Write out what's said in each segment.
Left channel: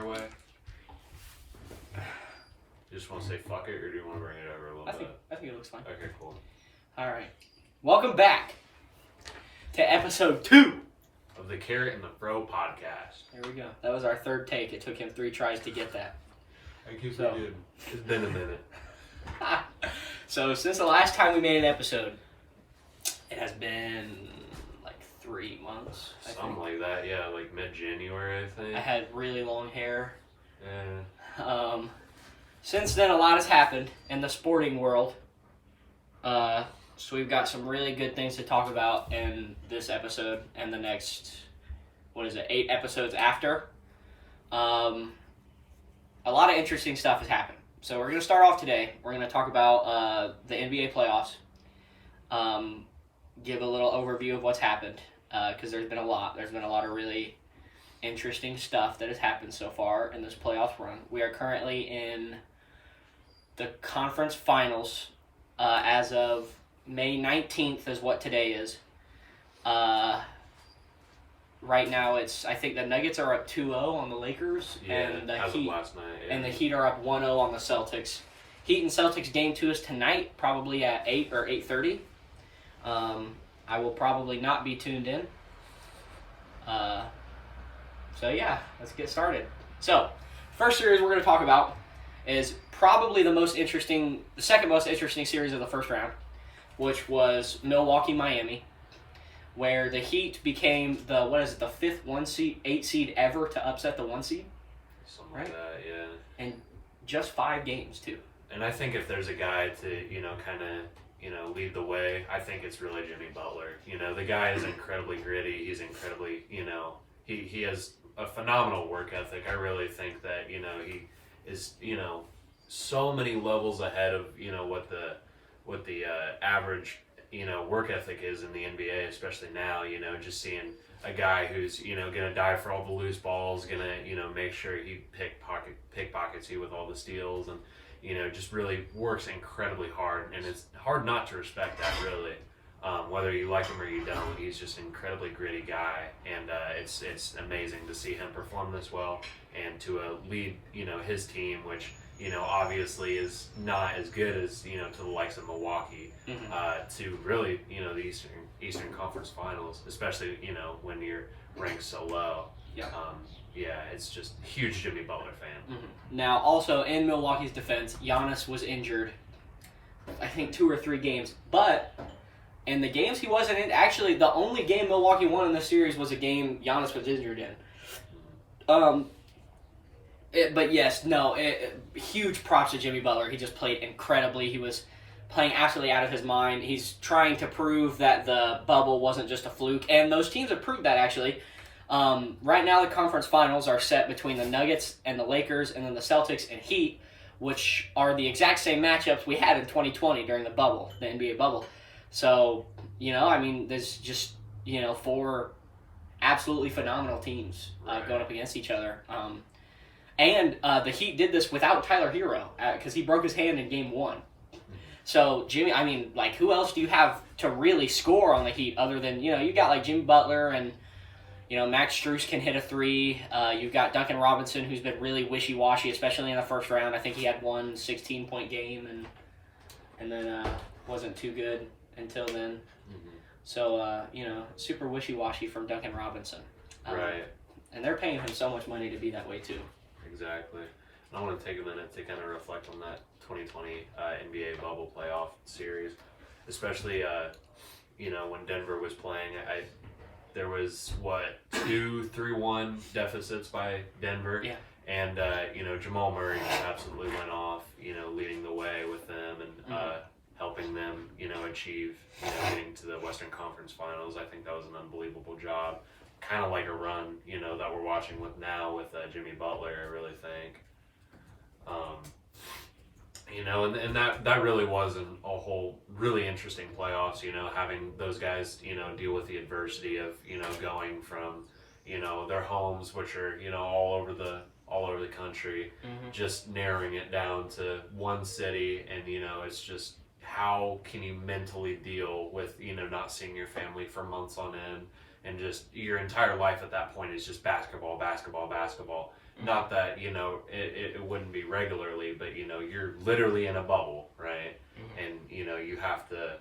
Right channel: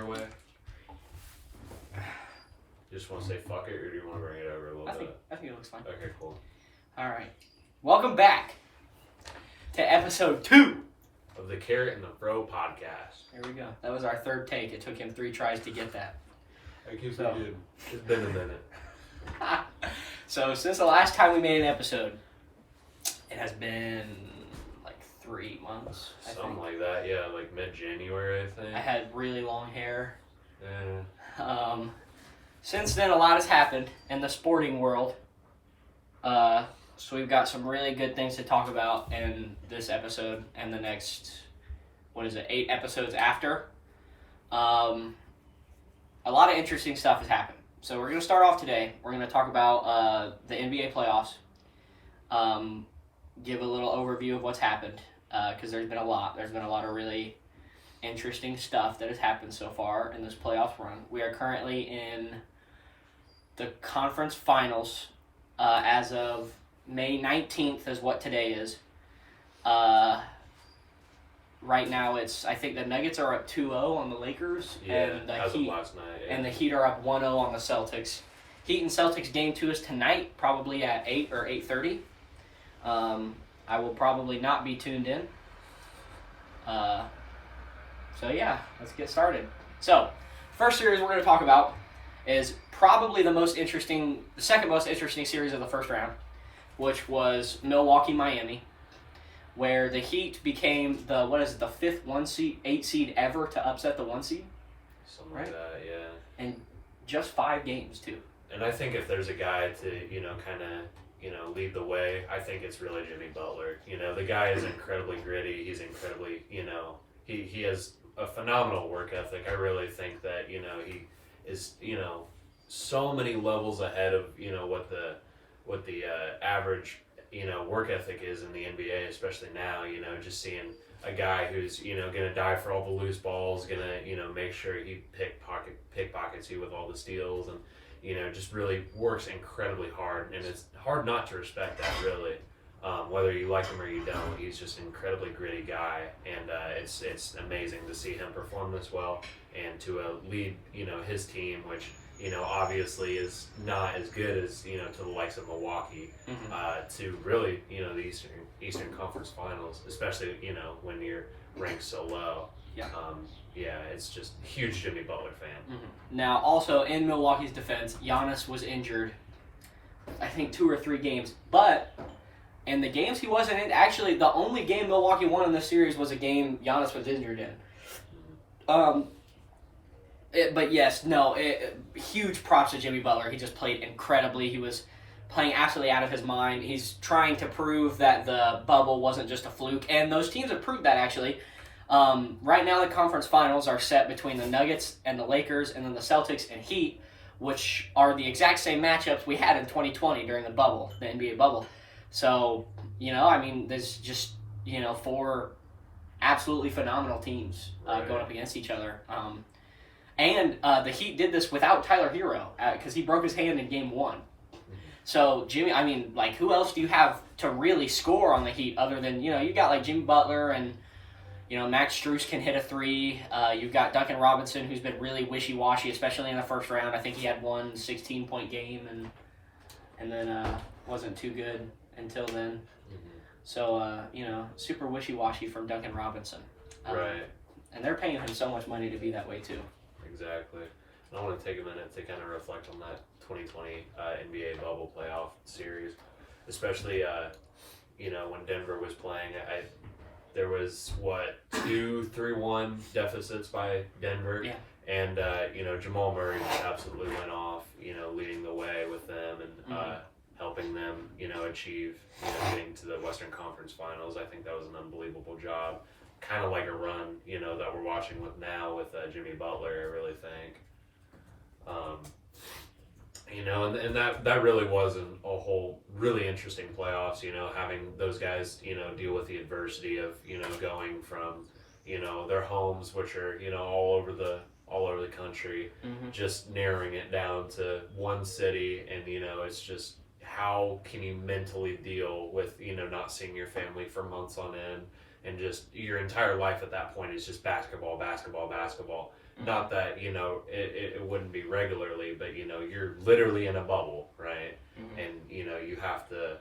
your way? You just want to say fuck it, or do you want to bring it over a little bit? I think it looks fine. Okay, cool. All right. Welcome back to episode 2 of the Carrot and the Fro podcast. There we go. That was our third take. It took him 3 tries to get that. I keep forgetting. It's been a minute. So since the last time we made an episode, it has been like 3 months. Something like that, yeah, like mid-January, I think. I had really long hair. Yeah. Since then, a lot has happened in the sporting world. So we've got some really good things to talk about in this episode and the next, 8 episodes after. A lot of interesting stuff has happened. So we're going to start off today. We're going to talk about the NBA playoffs. Give a little overview of what's happened, because there's been a lot. There's been a lot of really interesting stuff that has happened so far in this playoff run. We are currently in the conference finals as of May 19th is what today is. Right now, I think the Nuggets are up 2-0 on the Lakers, and the Heat last night, and the Heat are up 1-0 on the Celtics. Heat and Celtics game 2 is tonight, probably at 8 or 8:30. I will probably not be tuned in. So yeah, let's get started. So, first series we're going to talk about is probably the second most interesting series of the first round, which was Milwaukee-Miami, where the Heat became the 5th 8 seed ever to upset the 1 seed. Something like that, yeah. And just 5 games, too. And I think if there's a guy to, lead the way, I think it's really Jimmy Butler. The guy is incredibly gritty. He's incredibly, he has a phenomenal work ethic. I really think that, he is, so many levels ahead of, what the average, work ethic is in the NBA, especially now, just seeing a guy who's, going to die for all the loose balls, going to, make sure he pickpockets you with all the steals and, just really works incredibly hard. And it's hard not to respect that, really. Whether you like him or you don't, he's just an incredibly gritty guy. And it's amazing to see him perform this well and to lead, his team, which, obviously is not as good as, to the likes of Milwaukee, to really, the Eastern Conference Finals, especially, when you're ranked so low. Yeah. It's just huge Jimmy Butler fan. Now, also in Milwaukee's defense, Giannis was injured, I think 2 or 3 games. But in the games he wasn't in, actually the only game Milwaukee won in this series was a game Giannis was injured in. Huge props to Jimmy Butler. He just played incredibly. He was playing absolutely out of his mind. He's trying to prove that the bubble wasn't just a fluke, and those teams have proved that, actually. Right now, the conference finals are set between the Nuggets and the Lakers, and then the Celtics and Heat, which are the exact same matchups we had in 2020 during the bubble, the NBA bubble. So, there's just, 4 absolutely phenomenal teams going up against each other. And the Heat did this without Tyler Hero because he broke his hand in Game 1. So, Jimmy, who else do you have to really score on the Heat other than, you got like Jimmy Butler and, Max Strus can hit a 3. You've got Duncan Robinson, who's been really wishy-washy, especially in the first round. I think he had 1 16-point game and then wasn't too good until then. So, super wishy-washy from Duncan Robinson. Right. And they're paying him so much money to be that way, too. Exactly. I want to take a minute to kind of reflect on that 2020 NBA bubble playoff series, especially, when Denver was playing. There was, 2-3-1 deficits by Denver. Yeah. And, Jamal Murray absolutely went off, leading the way with them and helping them, achieve, getting to the Western Conference Finals. I think that was an unbelievable job. Kind of like a run, that we're watching with now with Jimmy Butler, I really think. And that really was a whole really interesting playoffs, having those guys, deal with the adversity of, going from, their homes, which are, all over the country, just narrowing it down to one city. And, it's just, how can you mentally deal with, not seeing your family for months on end, and just your entire life at that point is just basketball, basketball, basketball. Not that, you know, it wouldn't be regularly, but, you know, you're literally in a bubble, right? And, you know, you have to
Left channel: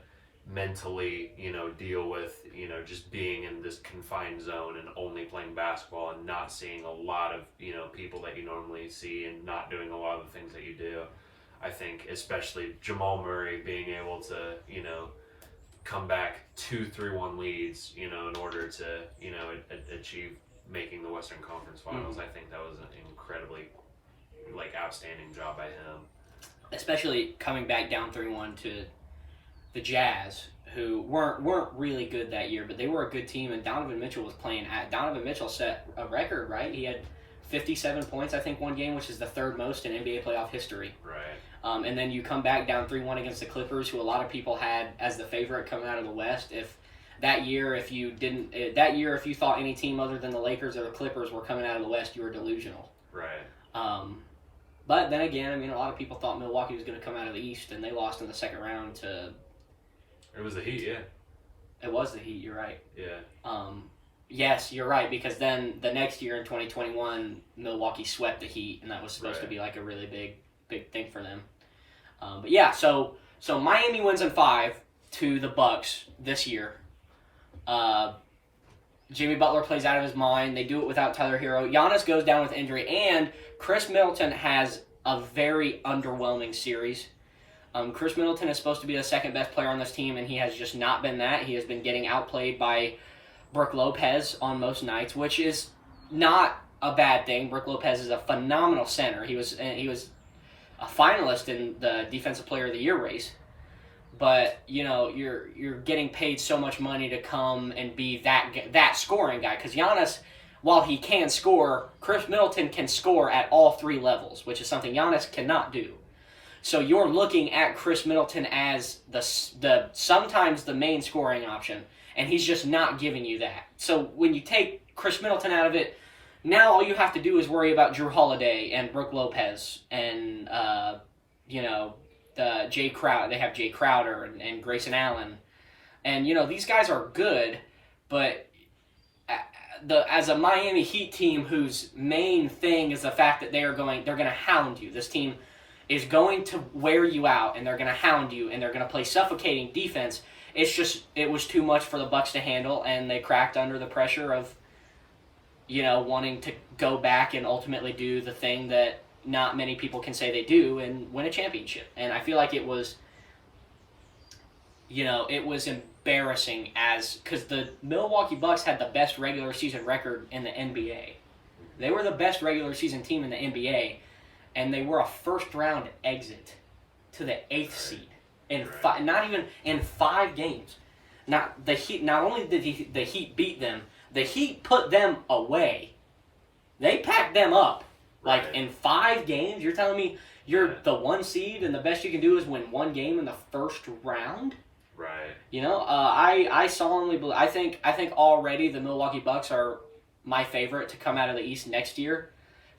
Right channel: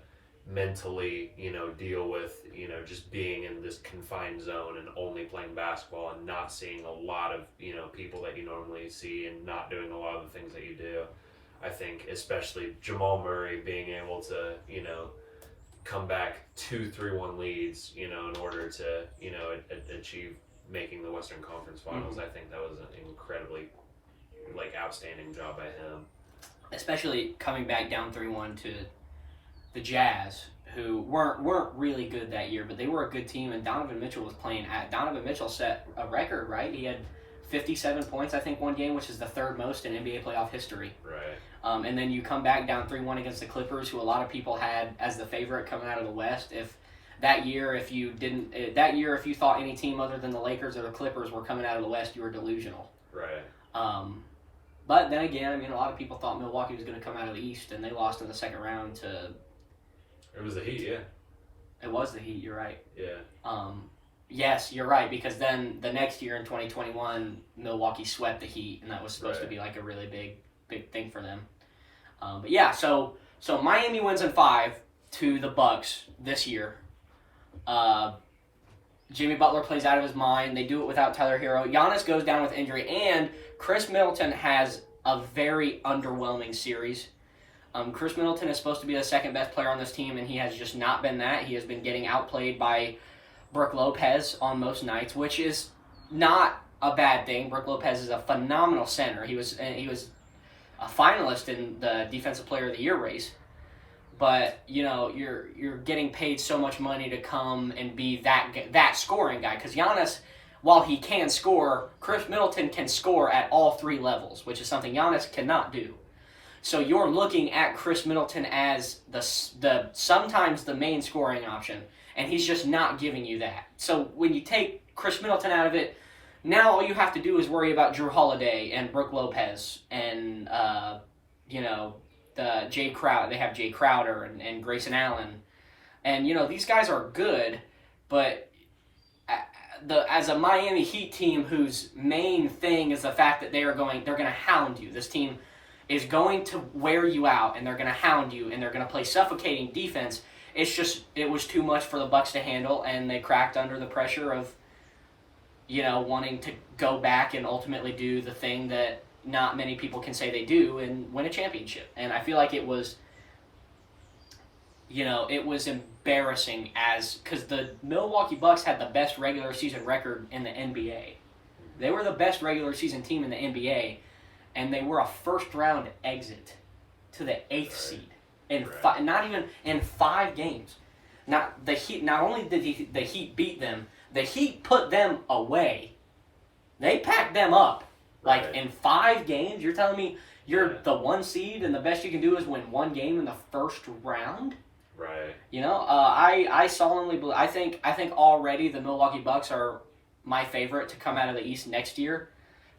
mentally, you know, deal with, you know, just being in this confined zone and only playing basketball and not seeing a lot of, you know, people that you normally see and not doing a lot of the things that you do. I think especially Jamal Murray being able to, you know, come back 2-3-1 leads, you know, in order to, you know, achieve making the Western Conference Finals. I think that was an incredibly, like, outstanding job by him. Especially coming back down 3-1 to the Jazz, who weren't really good that year, but they were a good team, and Donovan Mitchell was playing at. Donovan Mitchell set a record, right? He had 57 points, I think, one game, which is the third most in NBA playoff history. Right. And then you come back down 3-1 against the Clippers, who a lot of people had as the favorite coming out of the West. If you thought any team other than the Lakers or the Clippers were coming out of the West, you were delusional. Right. But then again, I mean, a lot of people thought Milwaukee was going to come out of the East, and they lost in the second round to. It was the Heat, yeah. It was the Heat. You're right. Yeah. Yes, you're right, because then the next year in 2021, Milwaukee swept the Heat, and that was supposed to be like a really big thing for them. But yeah, so Miami wins in 5 to the Bucks this year. Jimmy Butler plays out of his mind. They do it without Tyler Hero. Giannis goes down with injury, and Chris Middleton has a very underwhelming series. Chris Middleton is supposed to be the second best player on this team, and he has just not been that. He has been getting outplayed by Brook Lopez on most nights, which is not a bad thing. Brook Lopez is a phenomenal center. He was a finalist in the Defensive Player of the Year race. But, you know, you're getting paid so much money to come and be that scoring guy. Because Giannis, while he can score, Chris Middleton can score at all 3 levels, which is something Giannis cannot do. So you're looking at Chris Middleton as the sometimes the main scoring option, and he's just not giving you that. So when you take Chris Middleton out of it, now all you have to do is worry about Drew Holiday and Brook Lopez and, you know, Jay Crowder. They have Jay Crowder and Grayson Allen. And, you know, these guys are good, but as a Miami Heat team whose main thing is the fact that they're going to hound you. This team is going to wear you out, and they're going to hound you, and they're going to play suffocating defense. It was too much for the Bucks to handle, and they cracked under the pressure of, you know, wanting to go back and ultimately do the thing that not many people can say they do and win a championship. And I feel like it was, you know, it was embarrassing because the Milwaukee Bucks had the best regular season record in the NBA. They were the best regular season team in the NBA, and they were a first-round exit to the 8th seed in not even in 5 games. Not only did the Heat beat them, the Heat put them away. They packed them up. Like, in 5 games, you're telling me you're the 1 seed and the best you can do is win 1 game in the first round? Right. You know, I solemnly believe. I think already the Milwaukee Bucks are my favorite to come out of the East next year,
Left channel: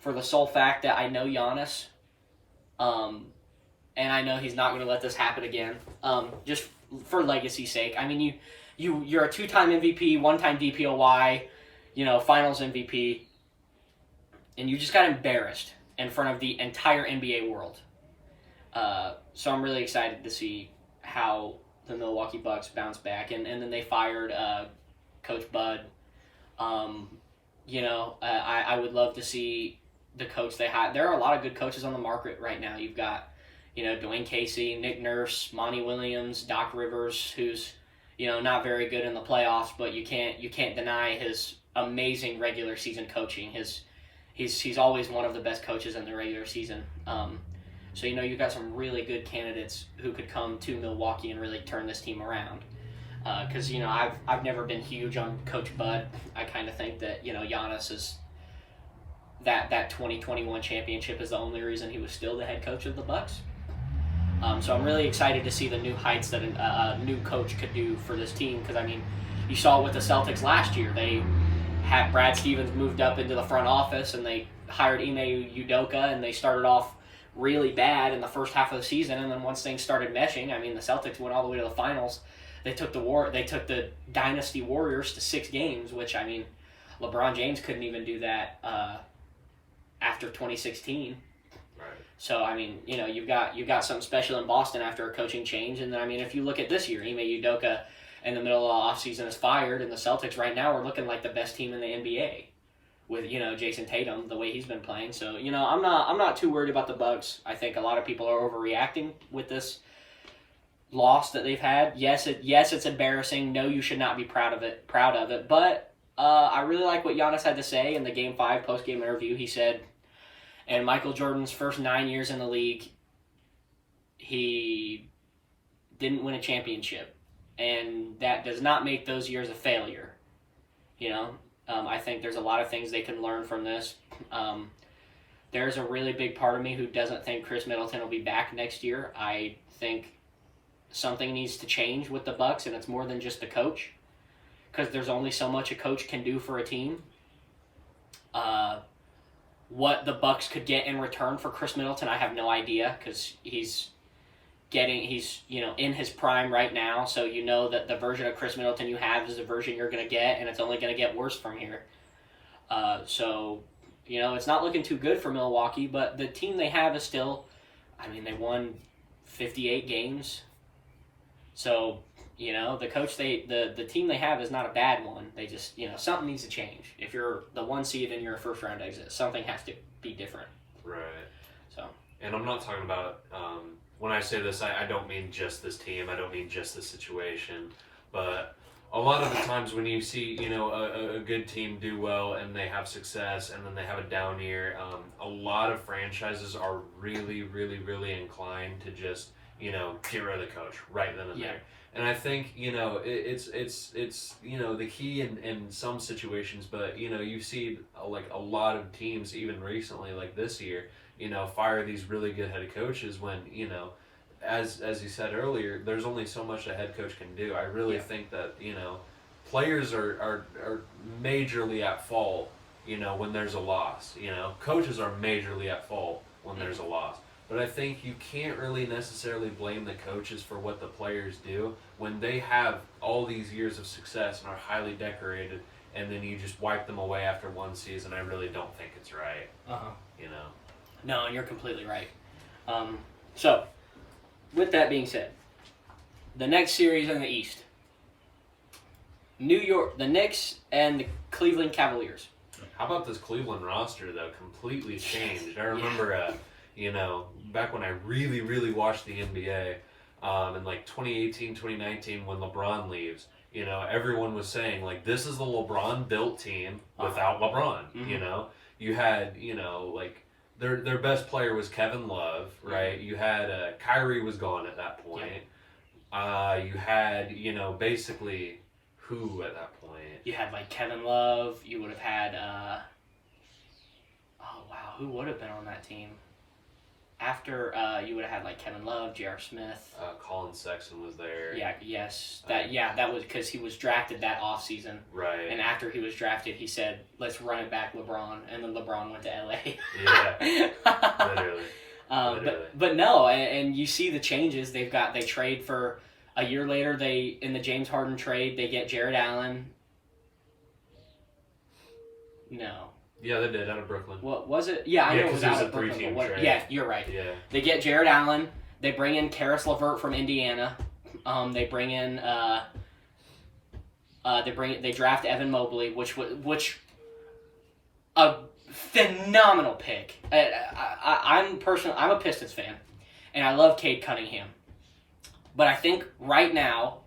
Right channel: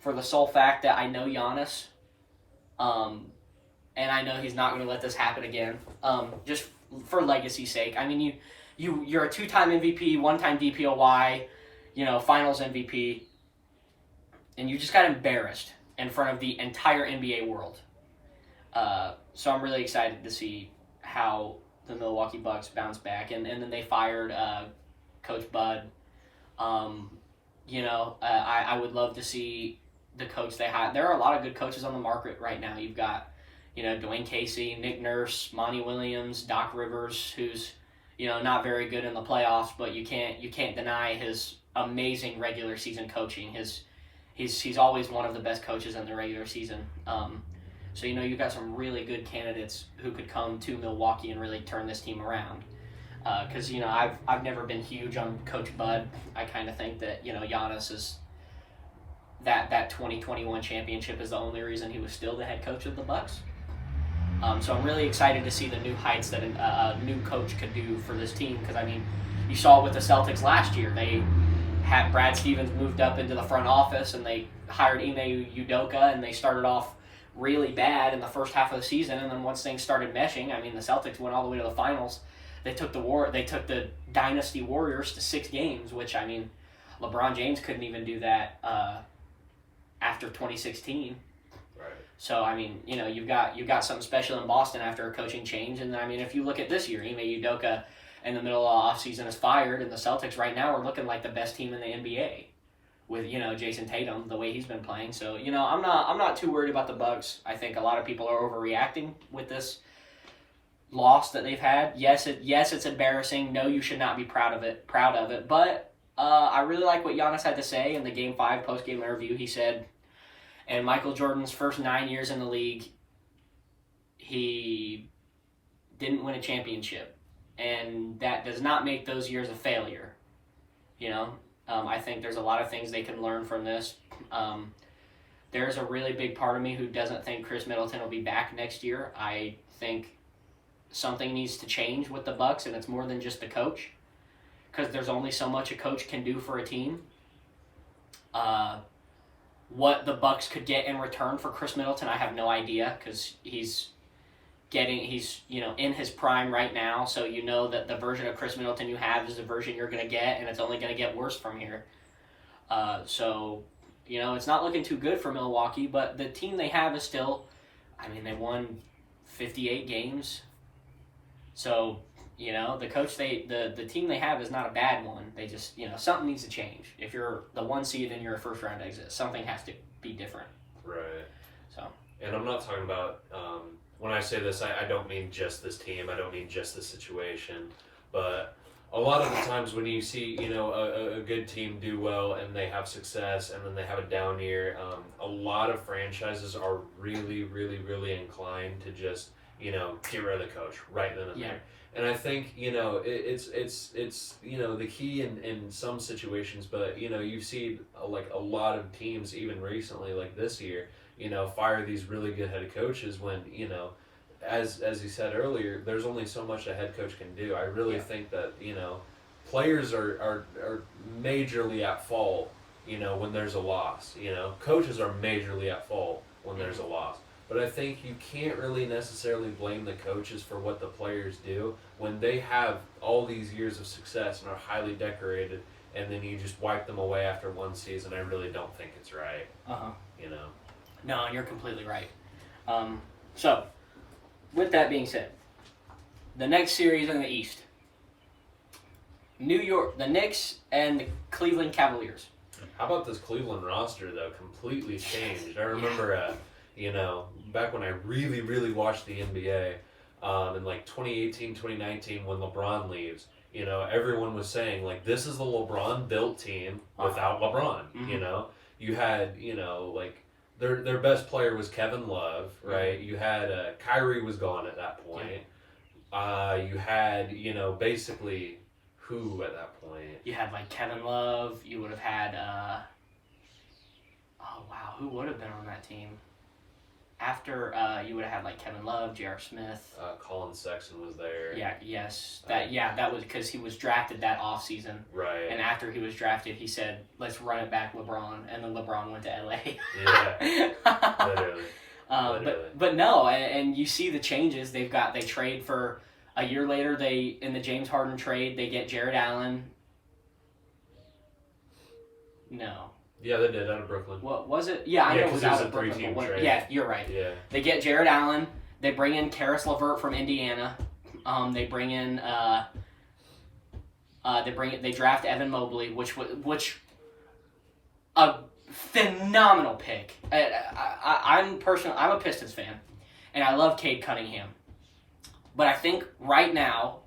for the sole fact that I know Giannis, and I know he's not going to let this happen again. Just for legacy's sake. I mean, you're a 2-time MVP, 1-time DPOY, you know, Finals MVP, and you just got embarrassed in front of the entire NBA world. So I'm really excited to see how the Milwaukee Bucks bounce back, and then they fired Coach Bud. You know, I would love to see the coach they had. There are a lot of good coaches on the market right now. You've got, you know, Dwayne Casey, Nick Nurse, Monty Williams, Doc Rivers, who's, you know, not very good in the playoffs, but you can't deny his amazing regular season coaching. He's always one of the best coaches in the regular season. So, you know, you've got some really good candidates who could come to Milwaukee and really turn this team around. Because, you know, I've never been huge on Coach Bud. I kind of think that, you know, Giannis is that 2021 championship is the only reason he was still the head coach of the Bucks. So I'm really excited to see the new heights that a new coach could do for this team. Because, I mean, you saw it with the Celtics last year. They had Brad Stevens moved up into the front office, and they hired Ime Udoka, and they started off really bad in the first half of the season. And then once things started meshing, I mean, the Celtics went all the way to the finals. They took the Dynasty Warriors to 6 games, which, I mean, LeBron James couldn't even do that after 2016. Right. So, I mean, you know, you've got something special in Boston after a coaching change. And, I mean, if you look at this year, Ime Udoka in the middle of the offseason is fired, and the Celtics right now are looking like the best team in the NBA with, you know, Jason Tatum, the way he's been playing. So, you know, I'm not too worried about the Bucks. I think a lot of people are overreacting with this loss that they've had. Yes, it's embarrassing. No, you should not be proud of it. But I really like what Giannis had to say in the Game 5 post-game interview. He said, in Michael Jordan's first 9 years in the league, he didn't win a championship. And that does not make those years a failure. You know, I think there's a lot of things they can learn from this. There's a really big part of me who doesn't think Chris Middleton will be back next year. I think something needs to change with the Bucks, and it's more than just the coach, because there's only so much a coach can do for a team. What the Bucks could get in return for Chris Middleton, I have no idea, because he's you know, in his prime right now, so you know that the version of Chris Middleton you have is the version you're going to get, and it's only going to get worse from here. So, you know, it's not looking too good for Milwaukee, but the team they have is still, I mean, they won 58 games. So, you know, the team they have is not a bad one. They just, you know, something needs to change. If you're the 1 seed and you're a first round exit, something has to be different. Right. So. And I'm not talking about, when I say this, I don't mean just this team. I don't mean just this situation. But a lot of the times when you see, you know, a good team do well and they have success and then they have a down year, a lot of franchises are really, really, really inclined to just, you know, get rid of the coach right then and there. And I think, you know, it's you know, the key in some situations, but, you know, you see like a lot of teams even recently, like this year, you know, fire these really good head coaches when, you know, as you said earlier, there's only so much a head coach can do. I really think that, you know, players are majorly at fault, you know, when there's a loss. You know, coaches are majorly at fault when there's a loss. But I think you can't really necessarily blame the coaches for what the players do when they have all these years of success and are highly decorated, and then you just wipe them away after one season. I really don't think it's right. You know. No, and you're completely right. So, with that being said, the next series in the East, the Knicks and the Cleveland Cavaliers. How about this Cleveland roster, though? Completely changed. I remember, you know, back when I really, really watched the NBA, in like 2018, 2019, when LeBron leaves, you know, everyone was saying, like, this is the LeBron-built team without LeBron, you know? You had, you know, like, their best player was Kevin Love, right? You had, Kyrie was gone at that point. You had, you know, basically who at that point? You had, like, Kevin Love. You would have had, who would have been on that team? After, you would have had, like, Kevin Love, J.R. Smith. Colin Sexton was there. That was because he was drafted that offseason. Right. And after he was drafted, he said, let's run it back LeBron. And then LeBron went to L.A. Yeah. Literally. But no, and you see the changes they trade for a year later. In the James Harden trade, they get Jared Allen. No. Yeah, they did, out of Brooklyn. What was it? Yeah, I know it was out of Brooklyn. Yeah, you're right. Yeah. They get Jared Allen. They bring in Karis LeVert from Indiana. They bring in. They draft Evan Mobley, which a phenomenal pick. I'm a Pistons fan, and I love Cade Cunningham, but I think right now,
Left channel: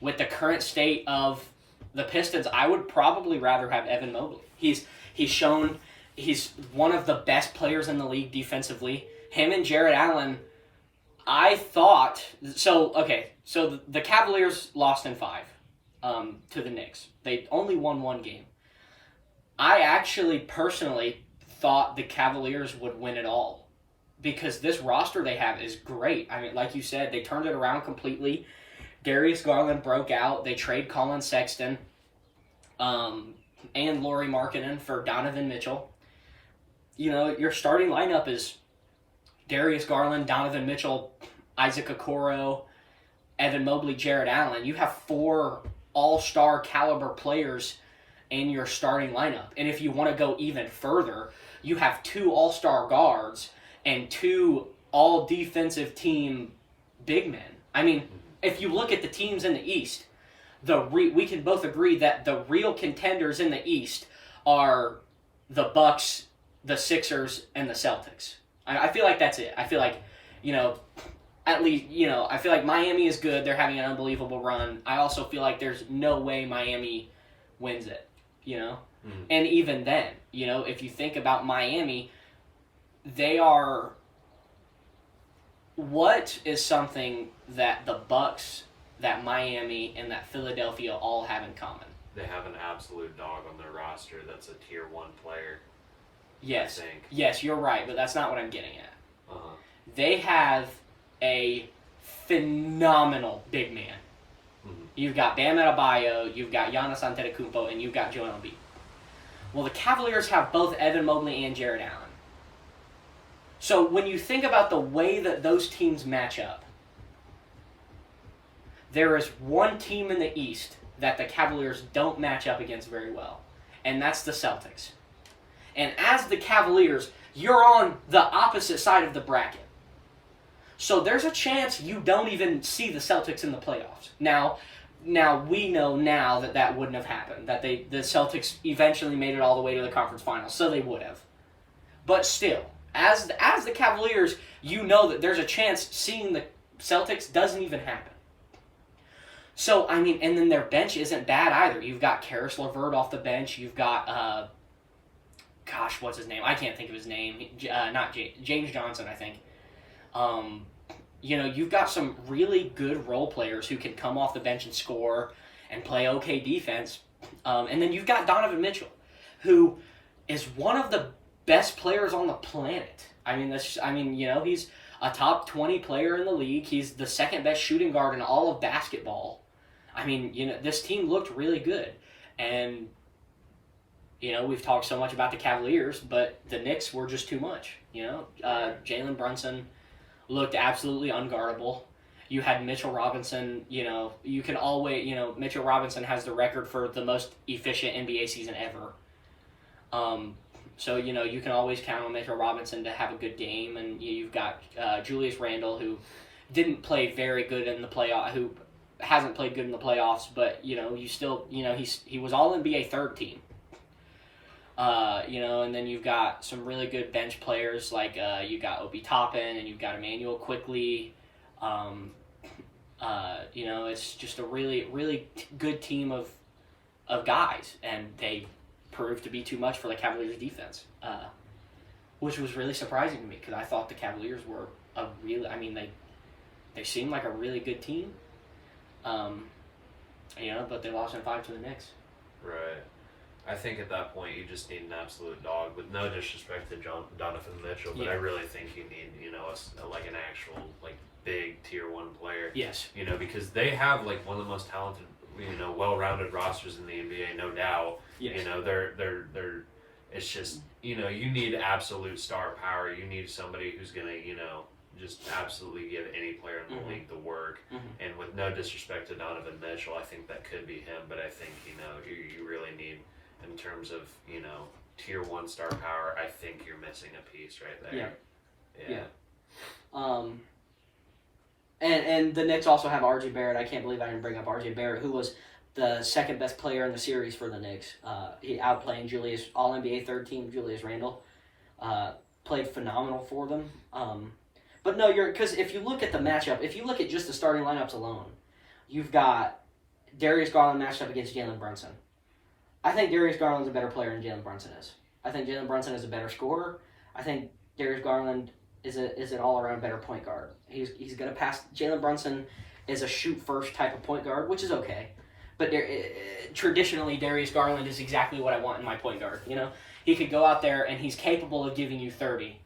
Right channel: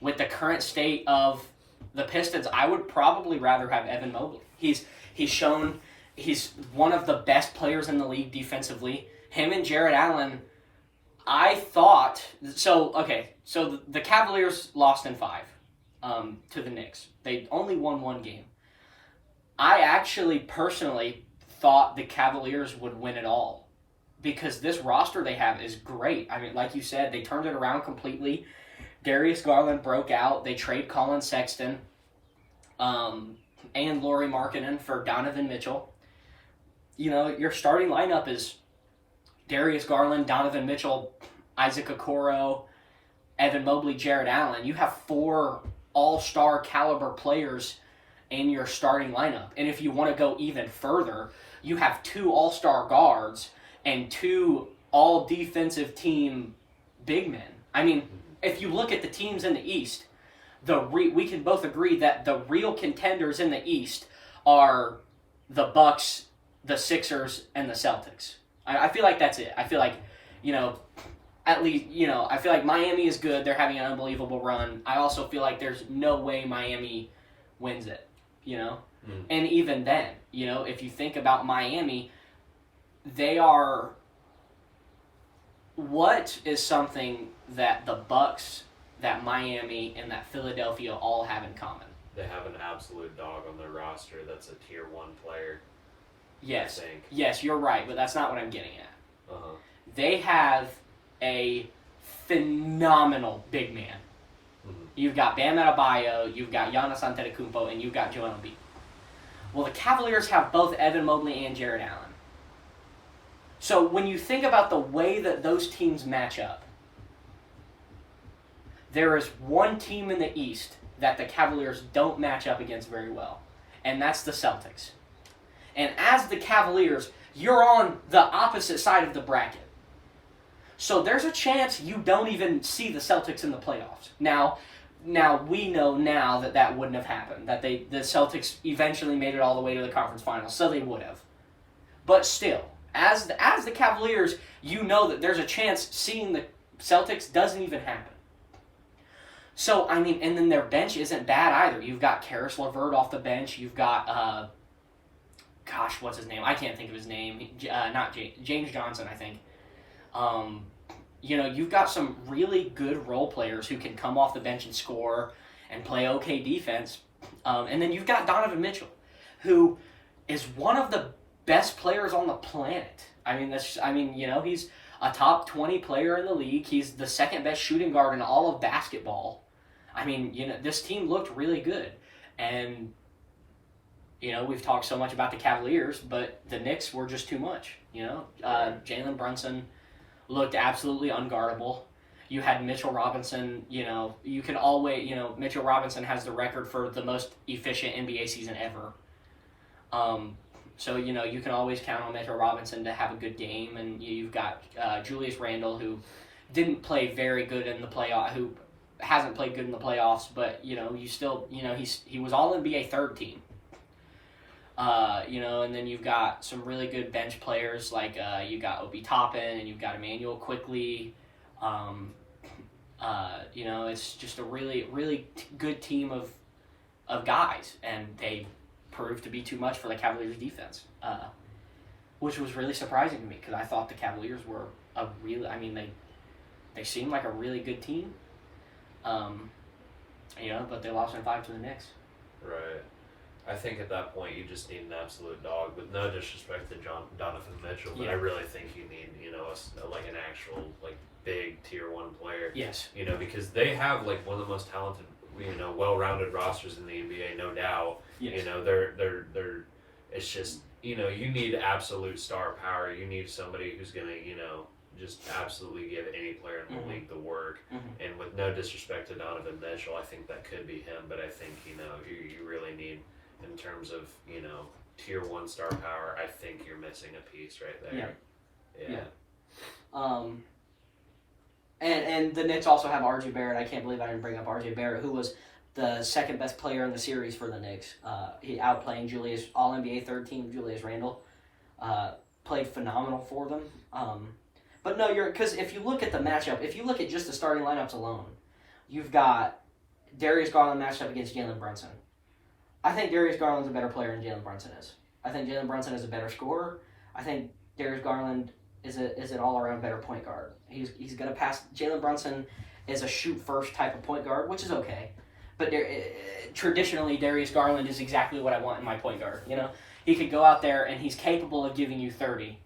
with the current state of the Pistons, I would probably rather have Evan Mobley. He's shown he's one of the best players in the league defensively. Him and Jared Allen, I thought so. Okay, so the Cavaliers lost in 5 to the Knicks. They only won 1 game. I actually personally thought the Cavaliers would win it all because this roster they have is great. I mean, like you said, they turned it around completely. Darius Garland broke out. They trade Colin Sexton and Lauri Markkanen for Donovan Mitchell. You know, your starting lineup is Darius Garland, Donovan Mitchell, Isaac Okoro, Evan Mobley, Jared Allen, you have 4 all-star caliber players in your starting lineup. And if you want to go even further, you have 2 all-star guards and 2 all-defensive team big men. I mean, if you look at the teams in the East, we can both agree that the real contenders in the East are the Bucks, the Sixers, and the Celtics. I feel like that's it. I feel like, at least, I feel like Miami is good. They're having an unbelievable run. I also feel like there's no way Miami wins it, And even then, if you think about Miami, they are... What is something that the Bucks, that Miami, and that Philadelphia all have in common? They have an absolute dog on their roster that's a tier 1 player. Yes. I think. Yes, you're right, but that's not what I'm getting at. Uh-huh. They have a phenomenal big man. Mm-hmm. You've got Bam Adebayo, you've got Giannis Antetokounmpo, and you've got Joel Embiid. Well, the Cavaliers have both Evan Mobley and Jared Allen. So when you think about the way that those teams match up, there is one team in the East that the Cavaliers don't match up against very well, and that's the Celtics. And as the Cavaliers, you're on the opposite side of the bracket. So there's a chance you don't even see the Celtics in the playoffs. Now we know now that wouldn't have happened, that the Celtics eventually made it all the way to the conference finals, so they would have. But still, as the Cavaliers, you know that there's a chance seeing the Celtics doesn't even happen. So, I mean, and then their bench isn't bad either. You've got Karis LeVert off the bench. You've got, what's his name? I can't think of his name. James Johnson, I think. You've got some really good role players who can come off the bench and score and play okay defense. And then you've got Donovan Mitchell, who is one of the best players on the planet. He's a top 20 player in the league. He's the second best shooting guard in all of basketball. This team looked really good. And, we've talked so much about the Cavaliers, but the Knicks were just too much. Jalen Brunson looked absolutely unguardable. You had Mitchell Robinson, you can always, Mitchell Robinson has the record for the most efficient NBA season ever. So, you can always count on Mitchell Robinson to have a good game. And you've got Julius Randle, who didn't play very good in the playoff, who hasn't played good in the playoffs, but, you still, he was all NBA third team. And then you've got some really good bench players, like you got Obi Toppin and you've got Emmanuel Quickly. It's just a really, really good team of guys, and they proved to be too much for the Cavaliers defense, which was really surprising to me because I thought the Cavaliers were they seemed like a really good team, but they lost in 5 to the Knicks. Right. I think at that point you just need an absolute dog. With no disrespect to Donovan Mitchell, but I really think you need an actual big tier 1 player. Yes. Because they have one of the most talented, well-rounded rosters in the NBA, no doubt. Yes. They're it's just you need absolute star power. You need somebody who's gonna just absolutely give any player in the league the work. Mm-hmm. And with no disrespect to Donovan Mitchell, I think that could be him. But I think you really need, in terms of tier 1 star power, I think you're missing a piece right there. Yeah. And the Knicks also have R.J. Barrett. I can't believe I didn't bring up R.J. Barrett, who was the second best player in the series for the Knicks. He outplaying All-NBA third team Julius Randle. Played phenomenal for them. But no, because if you look at the matchup, if you look at just the starting lineups alone, you've got Darius Garland matched up against Jalen Brunson. I think Darius Garland's a better player than Jalen Brunson is. I think Jalen Brunson is a better scorer. I think Darius Garland is an all-around better point guard. He's going to pass. Jalen Brunson is a shoot-first type of point guard, which is okay. But traditionally, Darius Garland is exactly what I want in my point guard. He could go out there and he's capable of giving you 30,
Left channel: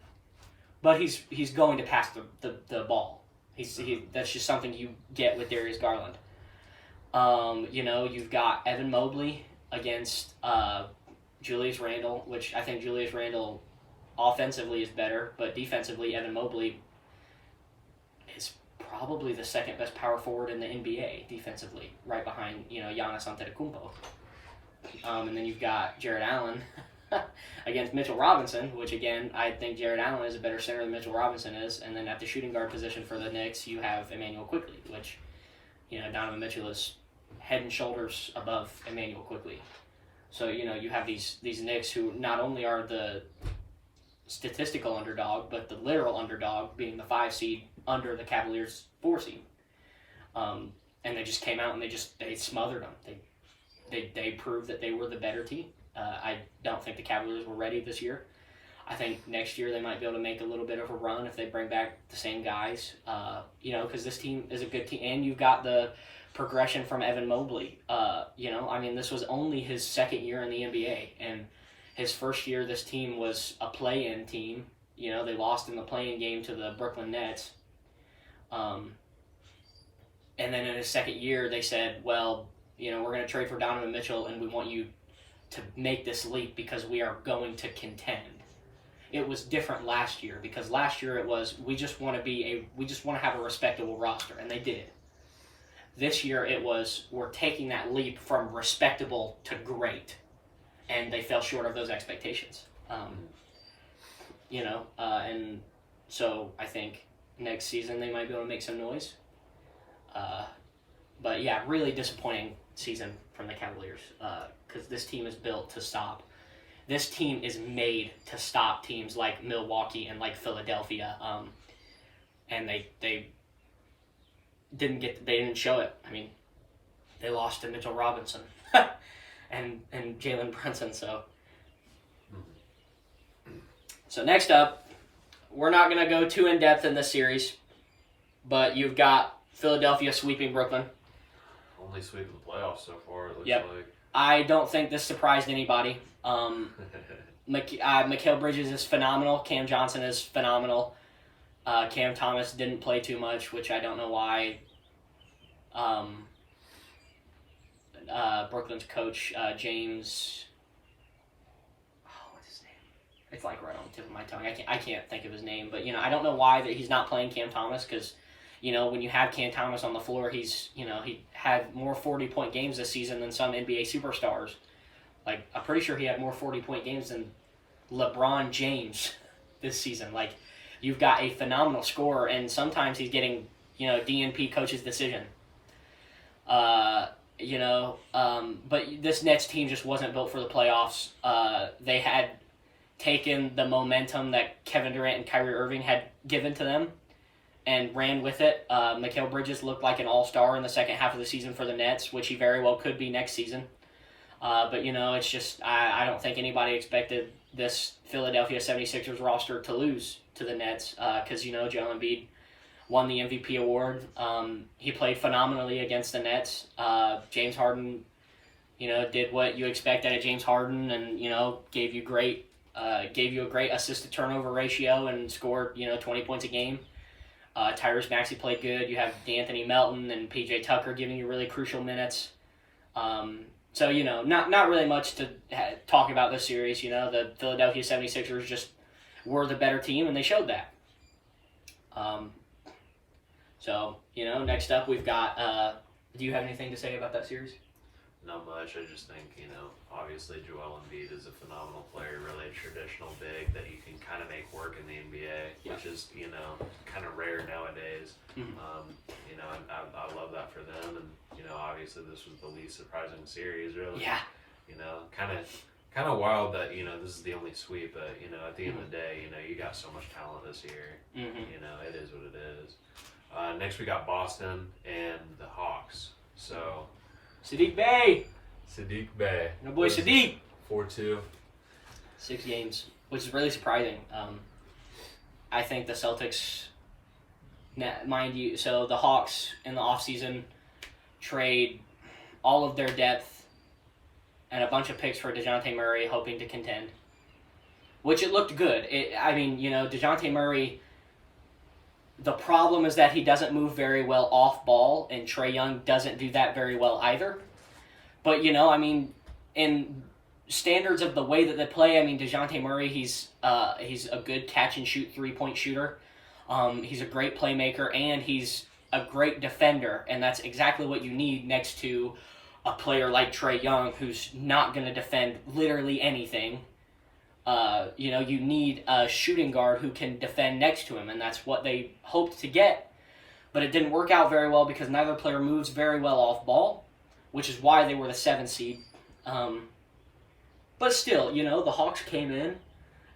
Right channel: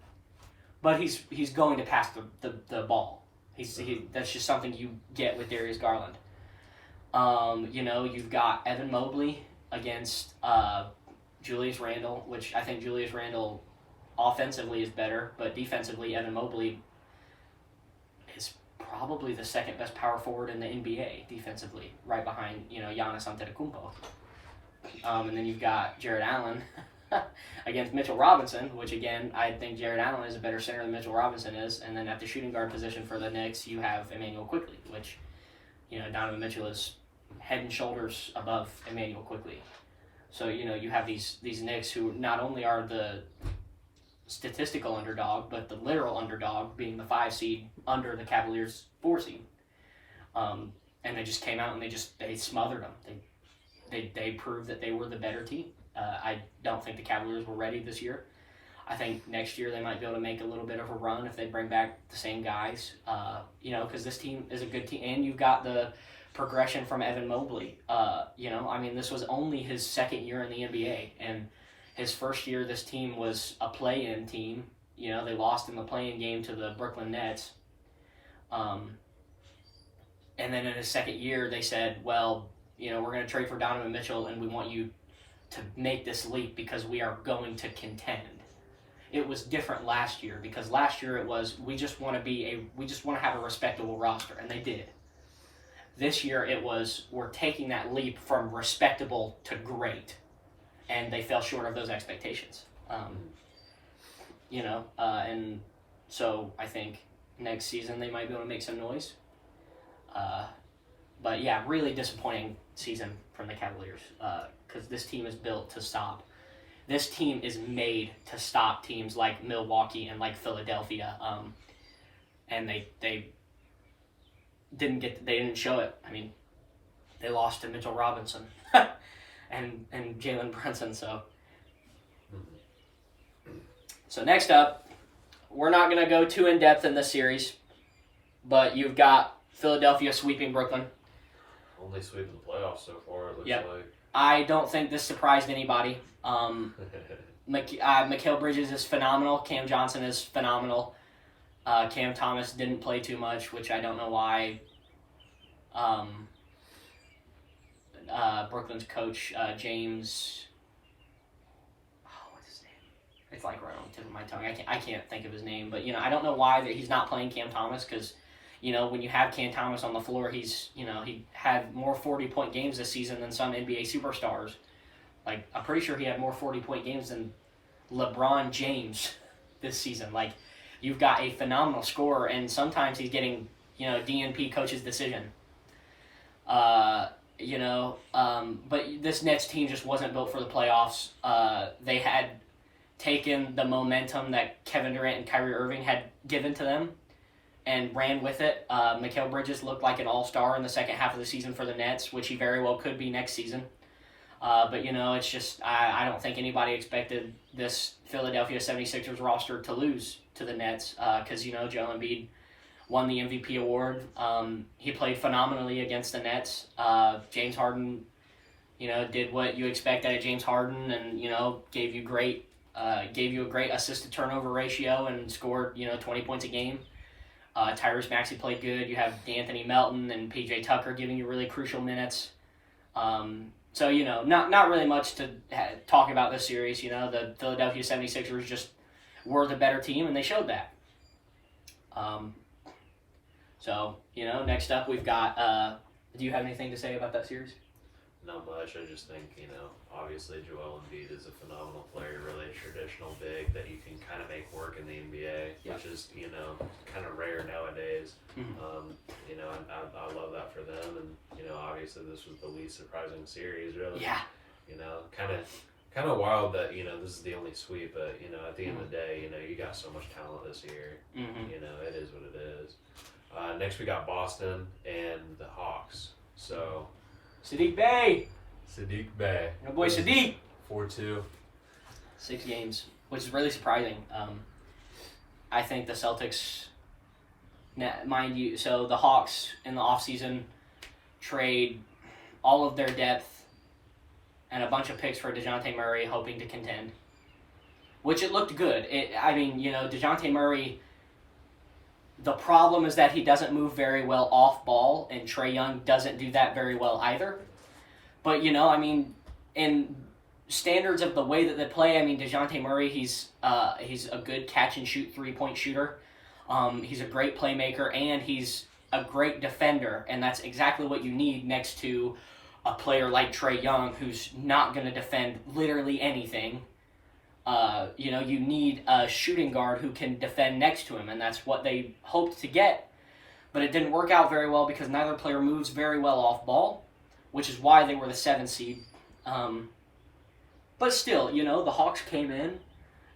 but he's going to pass the ball. That's just something you get with Darius Garland. You've got Evan Mobley against Julius Randle, which I think Julius Randle offensively is better, but defensively Evan Mobley is probably the second best power forward in the NBA defensively, right behind, Giannis Antetokounmpo. And then you've got Jared Allen against Mitchell Robinson, which again, I think Jared Allen is a better center than Mitchell Robinson is. And then at the shooting guard position for the Knicks, you have Emmanuel Quickley, which, Donovan Mitchell is head and shoulders above Emmanuel Quickley. So, you have these Knicks who not only are the statistical underdog, but the literal underdog being the 5 seed under the Cavaliers 4 seed. And they just came out and they smothered them. They proved that they were the better team. I don't think the Cavaliers were ready this year. I think next year they might be able to make a little bit of a run if they bring back the same guys. Because this team is a good team, and you've got the progression from Evan Mobley. This was only his second year in the NBA, and his first year this team was a play-in team. They lost in the play-in game to the Brooklyn Nets. And then in his second year, they said, well, we're going to trade for Donovan Mitchell, and we want you to make this leap because we are going to contend. It was different last year because last year it was we just want to have a respectable roster, and they did. This year it was we're taking that leap from respectable to great, and they fell short of those expectations. And so I think next season they might be able to make some noise. But yeah, really disappointing season from the Cavaliers because this team is built to stop. This team is made to stop teams like Milwaukee and like Philadelphia, and they didn't show it. I mean, they lost to Mitchell Robinson and Jalen Brunson. So next up, we're not going to go too in depth in this series, but you've got Philadelphia sweeping Brooklyn. Only sweep in the playoffs so far, it looks Yep. like. I don't think this surprised anybody. Mikal Bridges is phenomenal. Cam Johnson is phenomenal. Cam Thomas didn't play too much, which I don't know why. Brooklyn's coach, James... what's his name? It's like right on the tip of my tongue. I can't think of his name, but, I don't know why that he's not playing Cam Thomas because... when you have Cam Thomas on the floor, he had more 40-point games this season than some NBA superstars. Like, I'm pretty sure he had more 40-point games than LeBron James this season. Like, you've got a phenomenal scorer, and sometimes he's getting, DNP coach's decision. But this Nets team just wasn't built for the playoffs. They had taken the momentum that Kevin Durant and Kyrie Irving had given to them and ran with it. Mikal Bridges looked like an all-star in the second half of the season for the Nets, which he very well could be next season. But it's just, I don't think anybody expected this Philadelphia 76ers roster to lose to the Nets because, Joel Embiid won the MVP award. He played phenomenally against the Nets. James Harden, did what you expect out of James Harden and, gave you a great assist-to-turnover ratio and scored, 20 points a game. Tyrese Maxey played good. You have D'Anthony Melton and PJ Tucker giving you really crucial minutes. So, not really much to talk about this series. The Philadelphia 76ers just were the better team, and they showed that. Next up we've got... do you have anything to say about that series? Not much. I just think, obviously Joel Embiid is a phenomenal player, really a traditional big that you can kind of make work in the NBA, which is, kind of rare nowadays. Mm-hmm. I love that for them, and, obviously this was the least surprising series, really. Yeah. Kind of wild that, this is the only sweep, but, at the end of the day, you got so much talent this year. Mm-hmm. It is what it is. Next we got Boston and the Hawks. So... Saddiq Bey! My boy Saddiq! 4-2. 6 games, which is really surprising. I think the Celtics, mind you, so the Hawks in the offseason trade all of their depth and a bunch of picks for DeJounte Murray hoping to contend, which it looked good. DeJounte Murray, the problem is that he doesn't move very well off ball, and Trae Young doesn't do that very well either. But, in standards of the way that they play, DeJounte Murray, he's a good catch-and-shoot three-point shooter. He's a great playmaker, and he's a great defender, and that's exactly what you need next to a player like Trae Young, who's not going to defend literally anything. You need a shooting guard who can defend next to him, and that's what they hoped to get. But it didn't work out very well because neither player moves very well off ball, which is why they were the 7th seed. But still, the Hawks came in.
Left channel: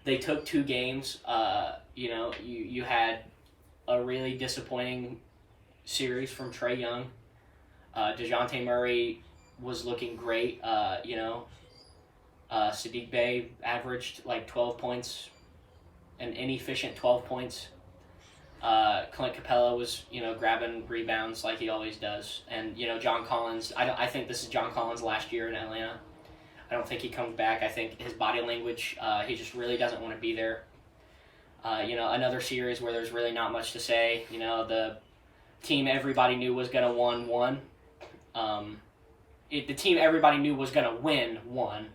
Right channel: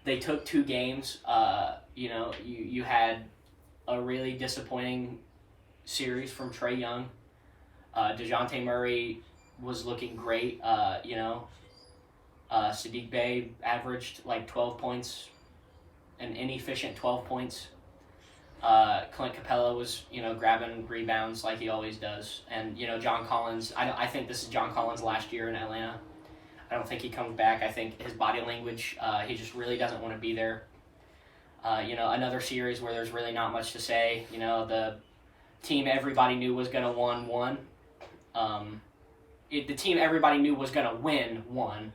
They took 2 games. You had a really disappointing series from Trae Young. DeJounte Murray was looking great. Sadiq Bey averaged like 12 points, an inefficient 12 points. Clint Capella was, grabbing rebounds like he always does. And, John Collins, I think this is John Collins' last year in Atlanta. I don't think he comes back. I think his body language, he just really doesn't want to be there. Another series where there's really not much to say. The team everybody knew was going to won. The team everybody knew was going to won.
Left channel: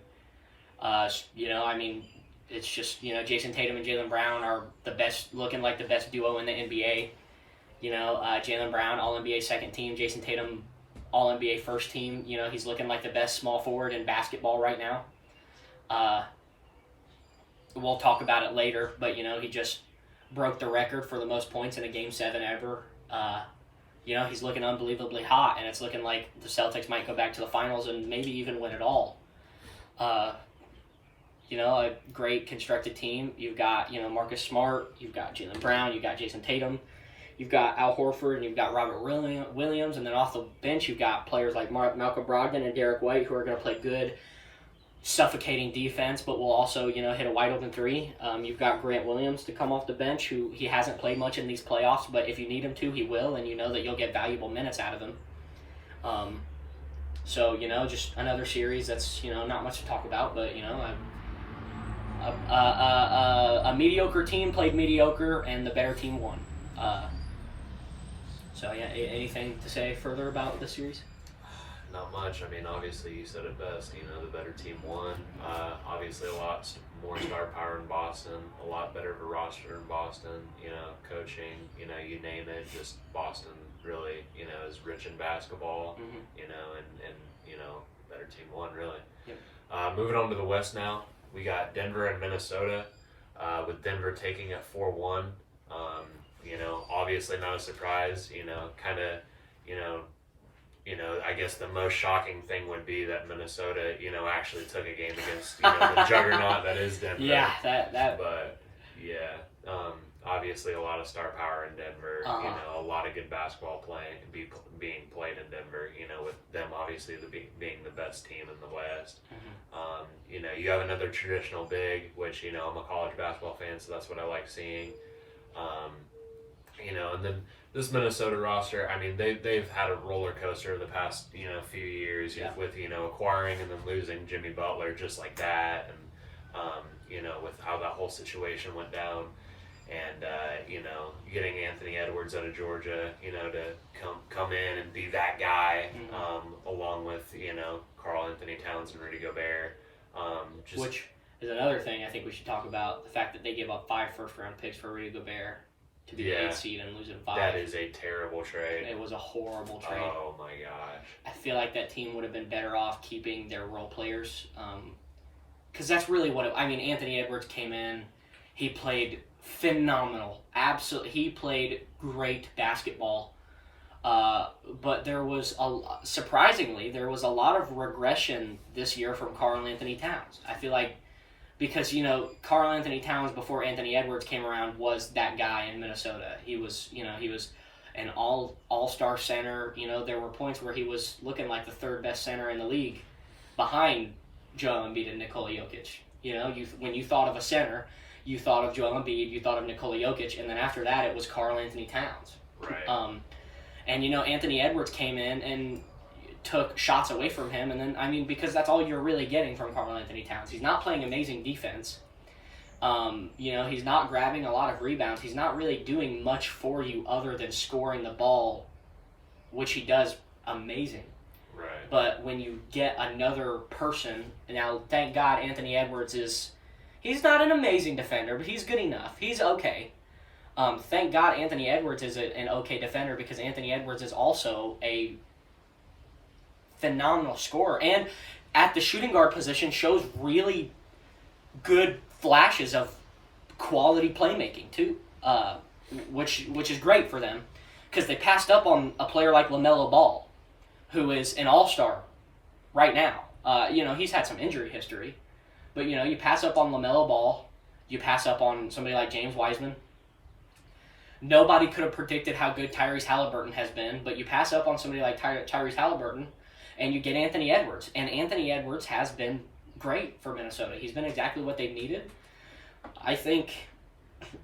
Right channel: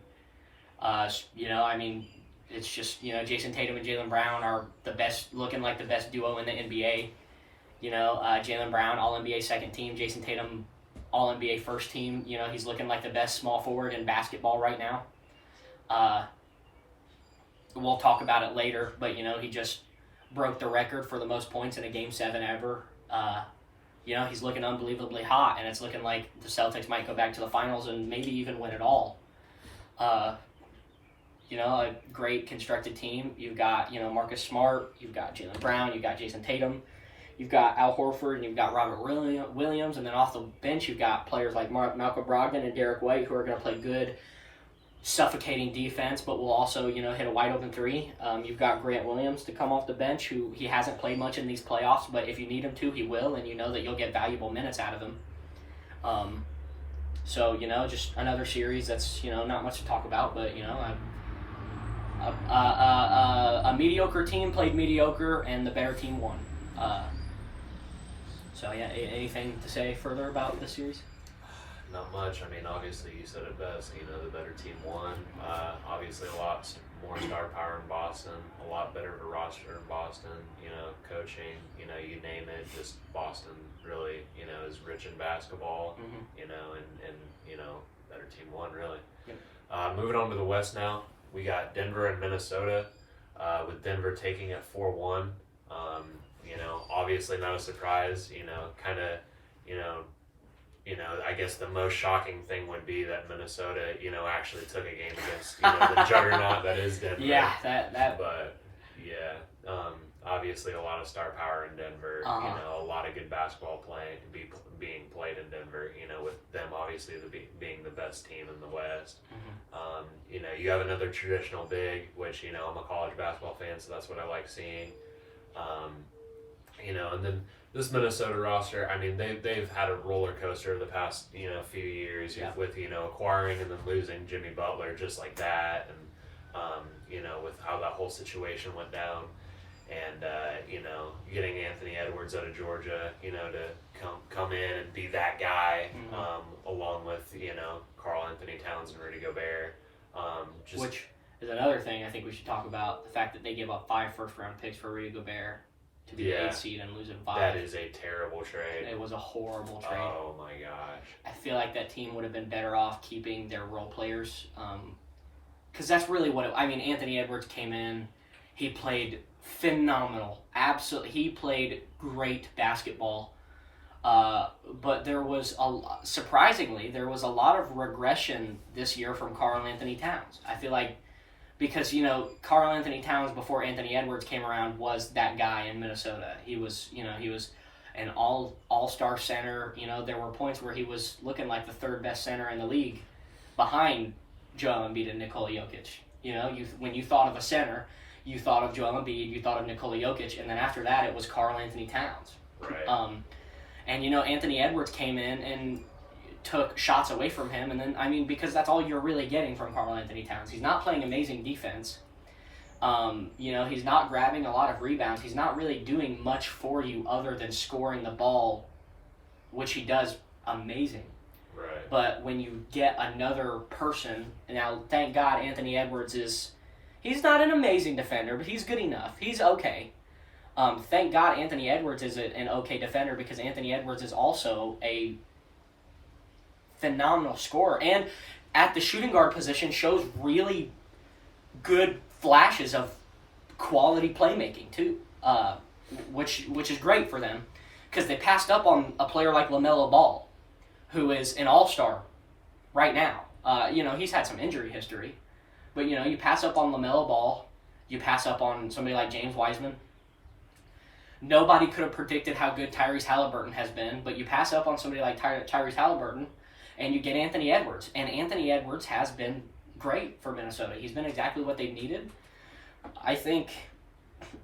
It's just, Jason Tatum and Jaylen Brown are looking like the best duo in the NBA. Jaylen Brown, All-NBA second team. Jason Tatum, All-NBA first team. He's looking like the best small forward in basketball right now. We'll talk about it later, but, he just broke the record for the most points in a Game 7 ever. He's looking unbelievably hot, and it's looking like the Celtics might go back to the finals and maybe even win it all. A great constructed team. You've got, Marcus Smart, you've got Jaylen Brown, you've got Jason Tatum, you've got Al Horford, and you've got Robert Williams, and then off the bench you've got players like Malcolm Brogdon and Derek White who are going to play good, suffocating defense, but will also, hit a wide open 3. You've got Grant Williams to come off the bench, who he hasn't played much in these playoffs, but if you need him to, he will, and that you'll get valuable minutes out of him. Just another series that's, not much to talk about, but, a mediocre team played mediocre, and the better team won. Anything to say further about this series? Not much. Obviously you said it best. The better team won. Obviously a lot more star power in Boston. A lot better of a roster in Boston. Coaching. You name it. Just Boston really, is rich in basketball. Mm-hmm. Better team won really. Yep. Moving on to the West now. We got Denver and Minnesota. With Denver taking it 4-1. Obviously not a surprise. I guess the most shocking thing would be that Minnesota, actually took a game against, the juggernaut that is Denver. Yeah, that. But yeah, obviously a lot of star power in Denver. A lot of good basketball being played in Denver. With them obviously being the best team in the West. Mm-hmm. You have another traditional big, which I'm a college basketball fan, so that's what I like seeing. And then this Minnesota roster, they've had a roller coaster the past, few years with, acquiring and then losing Jimmy Butler just like that. And, with how that whole situation went down and, getting Anthony Edwards out of Georgia, to come in and be that guy, Mm-hmm. Along with, Karl Anthony Towns and Rudy Gobert. Which is another thing I think we should talk about, the fact that they gave up 5 first-round picks for Rudy Gobert to be the 8th seed and lose in 5. That is a terrible trade. It was a horrible trade. Oh my gosh. I feel like that team would have been better off keeping their role players. Because that's really what Anthony Edwards came in. He played phenomenal. Absolutely. He played great basketball. But surprisingly, there was a lot of regression this year from Karl Anthony Towns. I feel like because, Karl Anthony Towns before Anthony Edwards came around was that guy in Minnesota. He was an all-star center. There were points where he was looking like the 3rd best center in the league behind Joel Embiid and Nikola Jokic. When you thought of a center, you thought of Joel Embiid, you thought of Nikola Jokic, and then after that it was Karl Anthony Towns. Right. Anthony Edwards came in and took shots away from him, and then because that's all you're really getting from Karl Anthony Towns. He's not playing amazing defense. He's not grabbing a lot of rebounds. He's not really doing much for you other than scoring the ball, which he does amazing. Right. But when you get another person, now thank God Anthony Edwards he's not an amazing defender, but he's good enough. He's okay. Thank God Anthony Edwards is an okay defender, because Anthony Edwards is also a phenomenal scorer, and at the shooting guard position shows really good flashes of quality playmaking too, which is great for them, because they passed up on a player like LaMelo Ball, who is an all-star right now. He's had some injury history, but you pass up on LaMelo Ball, you pass up on somebody like James Wiseman. Nobody could have predicted how good Tyrese Halliburton has been, but you pass up on somebody like Tyrese Halliburton, and you get Anthony Edwards. And Anthony Edwards has been great for Minnesota. He's been exactly what they've needed. I think,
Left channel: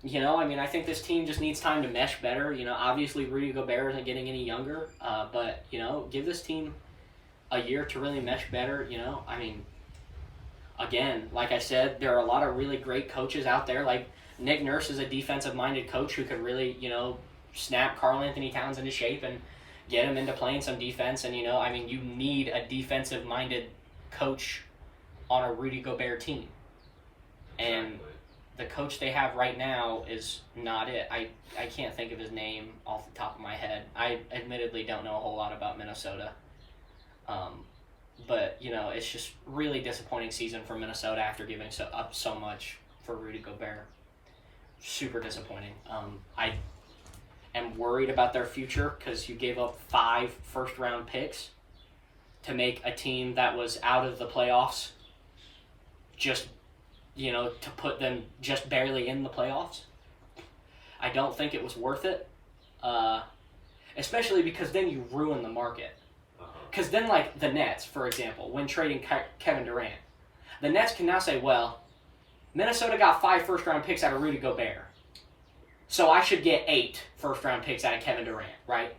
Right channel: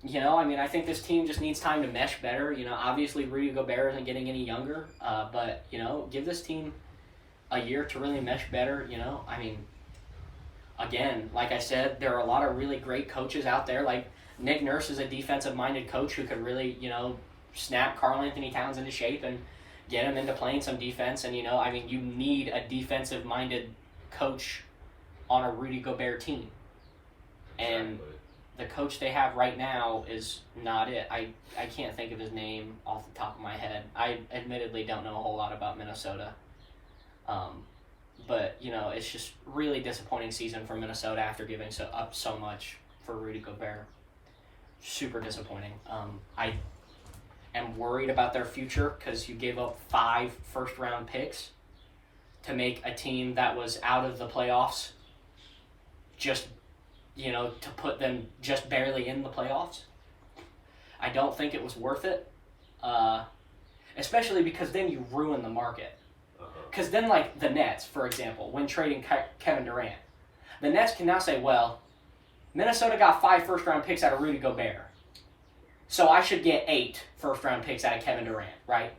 I think this team just needs time to mesh better. Obviously Rudy Gobert isn't getting any younger, but, give this team a year to really mesh better. Again, like I said, there are a lot of really great coaches out there. Like Nick Nurse is a defensive-minded coach who could really, snap Karl-Anthony Towns into shape and get him into playing some defense. And, you need a defensive-minded coach on a Rudy Gobert team. And the coach they have right now is not it. I can't think of his name off the top of my head. I admittedly don't know a whole lot about Minnesota. But, it's just really disappointing season for Minnesota after giving up so much for Rudy Gobert. Super disappointing. I am worried about their future, because you gave up 5 first-round picks to make a team that was out of the playoffs, just, to put them just barely in the playoffs. I don't think it was worth it, especially because then you ruin the market. Because then, like the Nets, for example, when trading Kevin Durant, the Nets can now say, well, Minnesota got 5 first-round picks out of Rudy Gobert, so I should get 8 first-round picks out of Kevin Durant, right?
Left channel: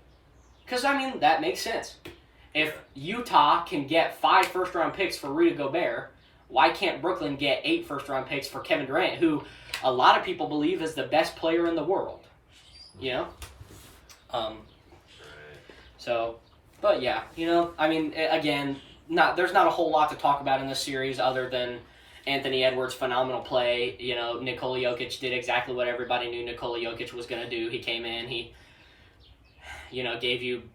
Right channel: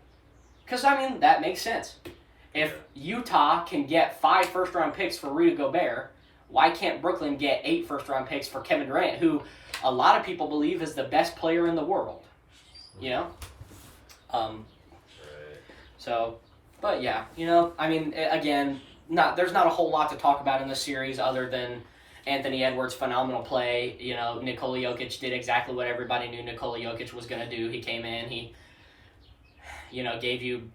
Because, that makes sense. If Utah can get 5 first-round picks for Rudy Gobert, why can't Brooklyn get 8 first-round picks for Kevin Durant, who a lot of people believe is the best player in the world? But yeah, again, there's not a whole lot to talk about in this series other than Anthony Edwards' phenomenal play. Nikola Jokic did exactly what everybody knew Nikola Jokic was going to do. He came in, he, gave you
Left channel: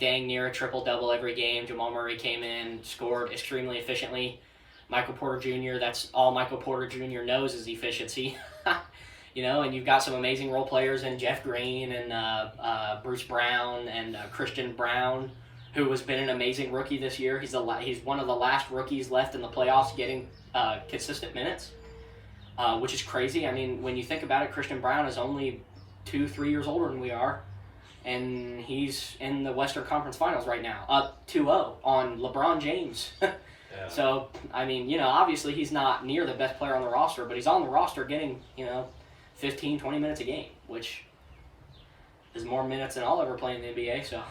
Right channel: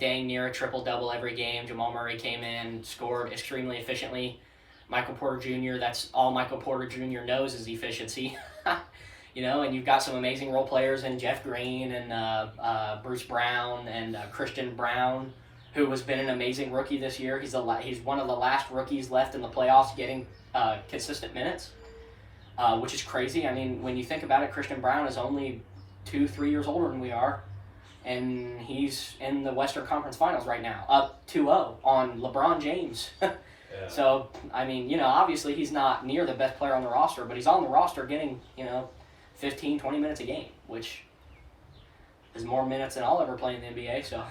dang near a triple-double every game. Jamal Murray came in, scored extremely efficiently. Michael Porter Jr., that's all Michael Porter Jr. knows is efficiency. And you've got some amazing role players in Jeff Green and Bruce Brown and Christian Brown, who has been an amazing rookie this year. He's one of the last rookies left in the playoffs getting consistent minutes, which is crazy. When you think about it, Christian Brown is only 2-3 years older than we are, and he's in the Western Conference Finals right now, up 2-0 on LeBron James. Yeah. So, obviously he's not near the best player on the roster, but he's on the roster getting, 15, 20 minutes a game, which is more minutes than I'll ever play in the NBA. So,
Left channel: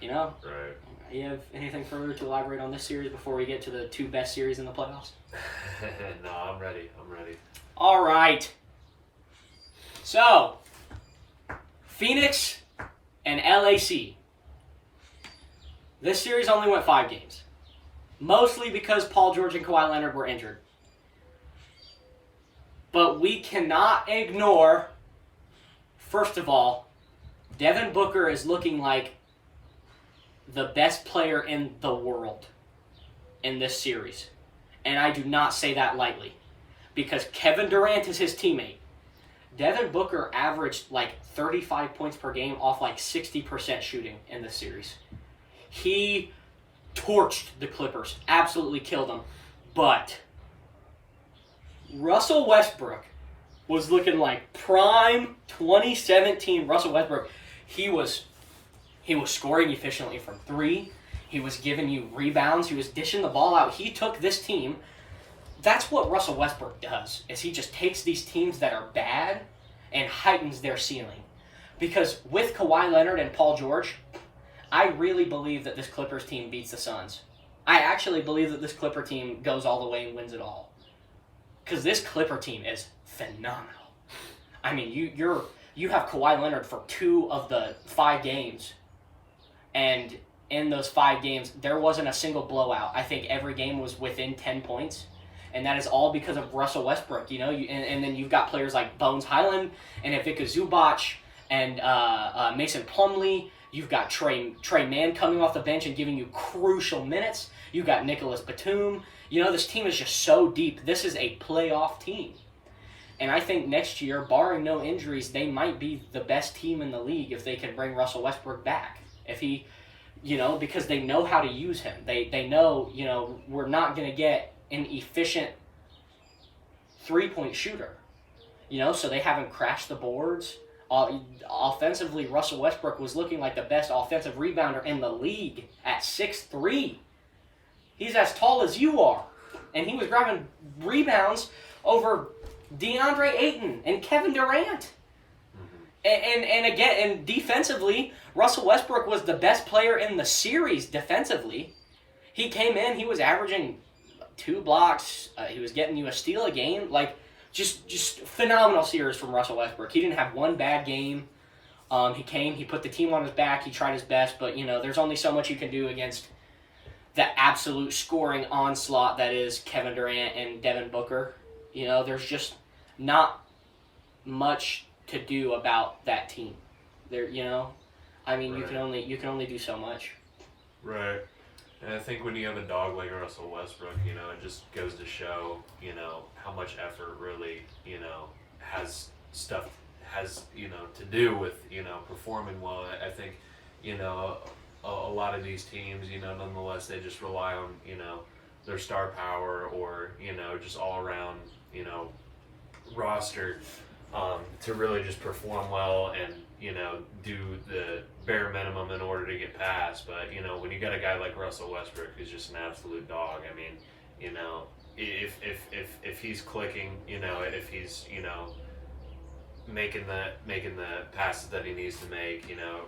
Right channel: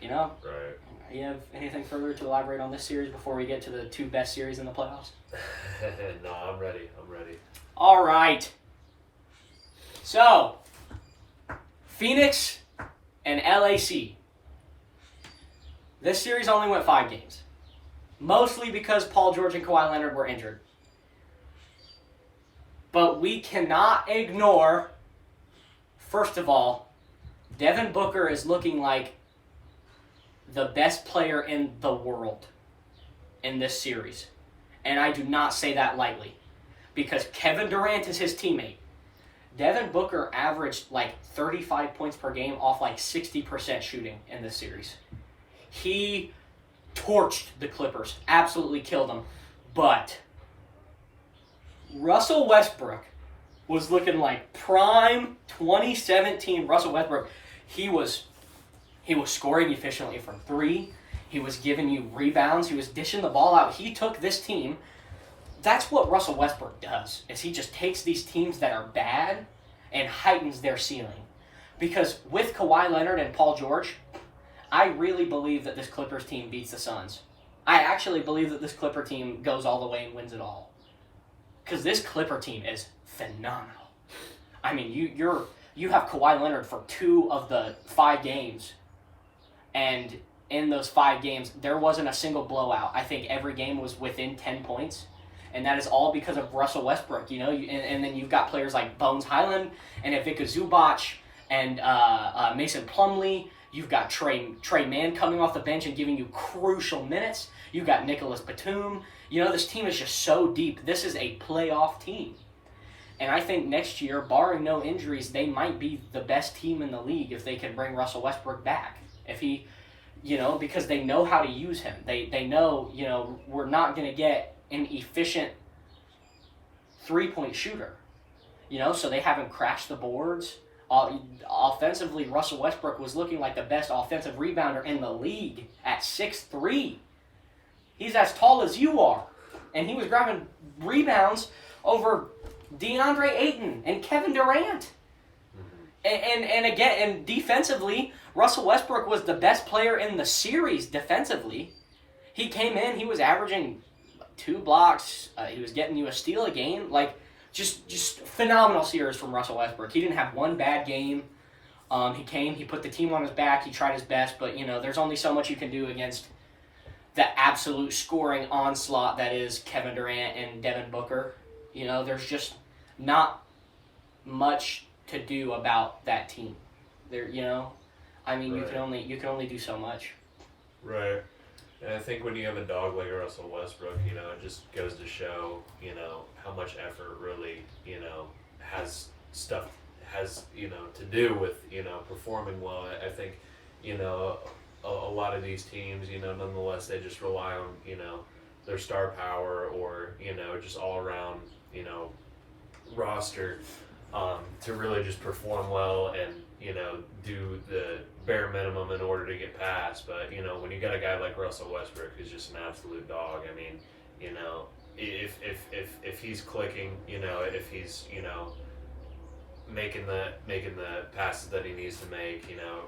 Right. You have anything further to elaborate on this series before we get to the 2 best series in the playoffs? No, I'm ready. All right. So, Phoenix and LAC. This series only went 5 games. Mostly because Paul George and Kawhi Leonard were injured. But we cannot ignore, first of all, Devin Booker is looking like the best player in the world in this series. And I do not say that lightly, because Kevin Durant is his teammate. Devin Booker averaged like 35 points per game off like 60% shooting in this series. He torched the Clippers, absolutely killed them. But Russell Westbrook was looking like prime 2017 Russell Westbrook. He was scoring efficiently from 3. He was giving you rebounds. He was dishing the ball out. He took this team. That's what Russell Westbrook does, is he just takes these teams that are bad and heightens their ceiling. Because with Kawhi Leonard and Paul George, I really believe that this Clippers team beats the Suns. I actually believe that this Clipper team goes all the way and wins it all. Because this Clipper team is phenomenal. You have Kawhi Leonard for 2 of the 5 games. And in those 5 games, there wasn't a single blowout. I think every game was within 10 points. And that is all because of Russell Westbrook, and then you've got players like Bones Highland and Ivica Zubac and Mason Plumlee. You've got Trey Mann coming off the bench and giving you crucial minutes. You've got Nicholas Batum. This team is just so deep. This is a playoff team. And I think next year, barring no injuries, they might be the best team in the league if they can bring Russell Westbrook back. If he, because they know how to use him. They know, we're not going to get an efficient three-point shooter. So they haven't crashed the boards. Offensively, Russell Westbrook was looking like the best offensive rebounder in the league at 6'3". He's as tall as you are. And he was grabbing rebounds over DeAndre Ayton and Kevin Durant. And again, defensively, Russell Westbrook was the best player in the series defensively. He came in, he was averaging 2 blocks. He was getting you a steal a game. Just phenomenal series from Russell Westbrook. He didn't have one bad game. He put the team on his back. He tried his best, but there's only so much you can do against the absolute scoring onslaught that is Kevin Durant and Devin Booker. There's just not much to do about that team. Right. You can only do so much. Right. And I think when you have a dog like Russell Westbrook, it just goes to show, how much effort really, has to do with, performing well. I think, a lot of these teams, nonetheless, they just rely on, their star power or, just all around, roster to really just perform well and, do the bare minimum in order to get past. But, when you got a guy like Russell Westbrook who's just an absolute dog, I mean, if he's clicking, if he's, making the passes that he needs to make,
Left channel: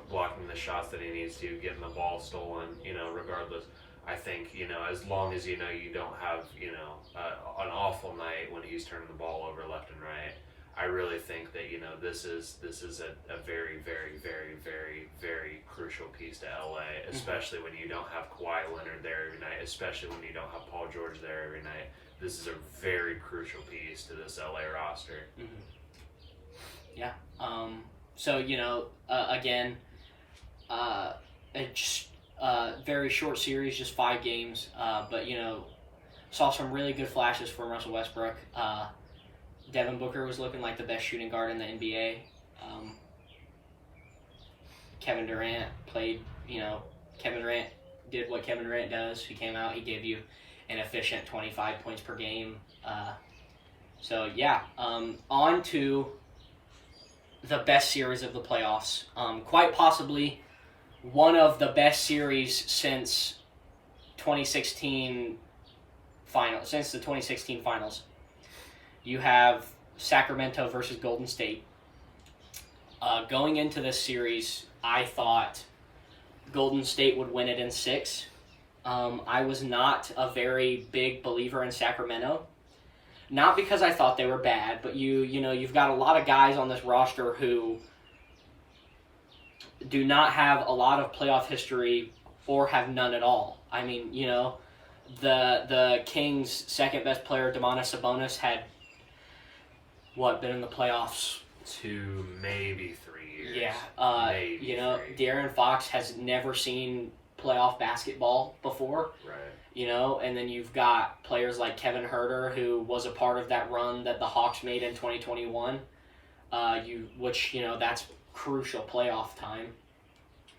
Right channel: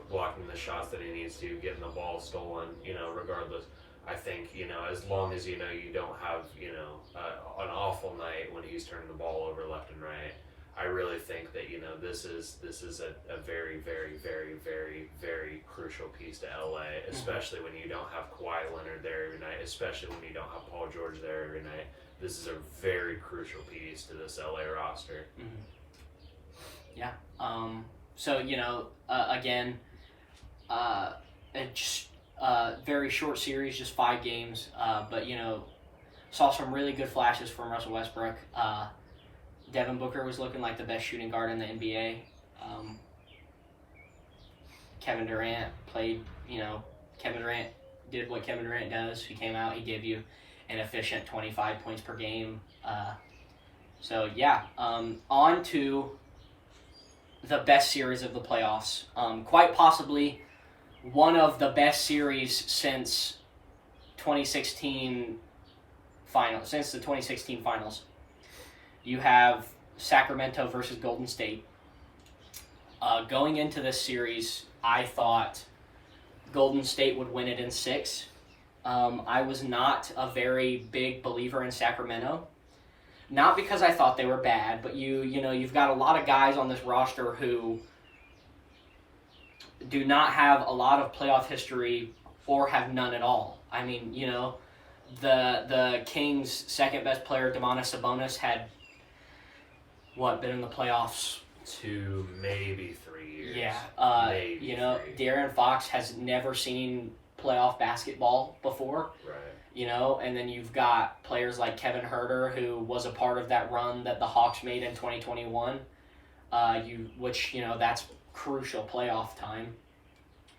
blocking the shots that he needs to, getting the ball stolen, regardless. I think, as long as, you don't have, an awful night when he's turning the ball over left and right, I really think that, this is a very, very, very, very, very crucial piece to LA, especially when you don't have Kawhi Leonard there every night, especially when you don't have Paul George there every night. This is a very crucial piece to this LA roster. Mm-hmm. Yeah. So, again, it's very short series, just 5 games. But, saw some really good flashes from Russell Westbrook. Devin Booker was looking like the best shooting guard in the NBA. Kevin Durant played, Kevin Durant did what Kevin Durant does. He came out, he gave you an efficient 25 points per game. On to the best series of the playoffs. Quite possibly one of the best series since 2016 finals. Since the 2016 finals, you have Sacramento versus Golden State. Going into this series, I thought Golden State would win it in 6. I was not a very big believer in Sacramento. Not because I thought they were bad, but you've got a lot of guys on this roster who do not have a lot of playoff history or have none at all. I mean, the Kings' second best player, Domantas Sabonis, had been in the playoffs 2, maybe 3 years. Yeah. Maybe 3. De'Aaron Fox has never seen playoff basketball before. Right. And then you've got players like Kevin Huerter, who was a part of that run that the Hawks made in 2021, that's crucial playoff time.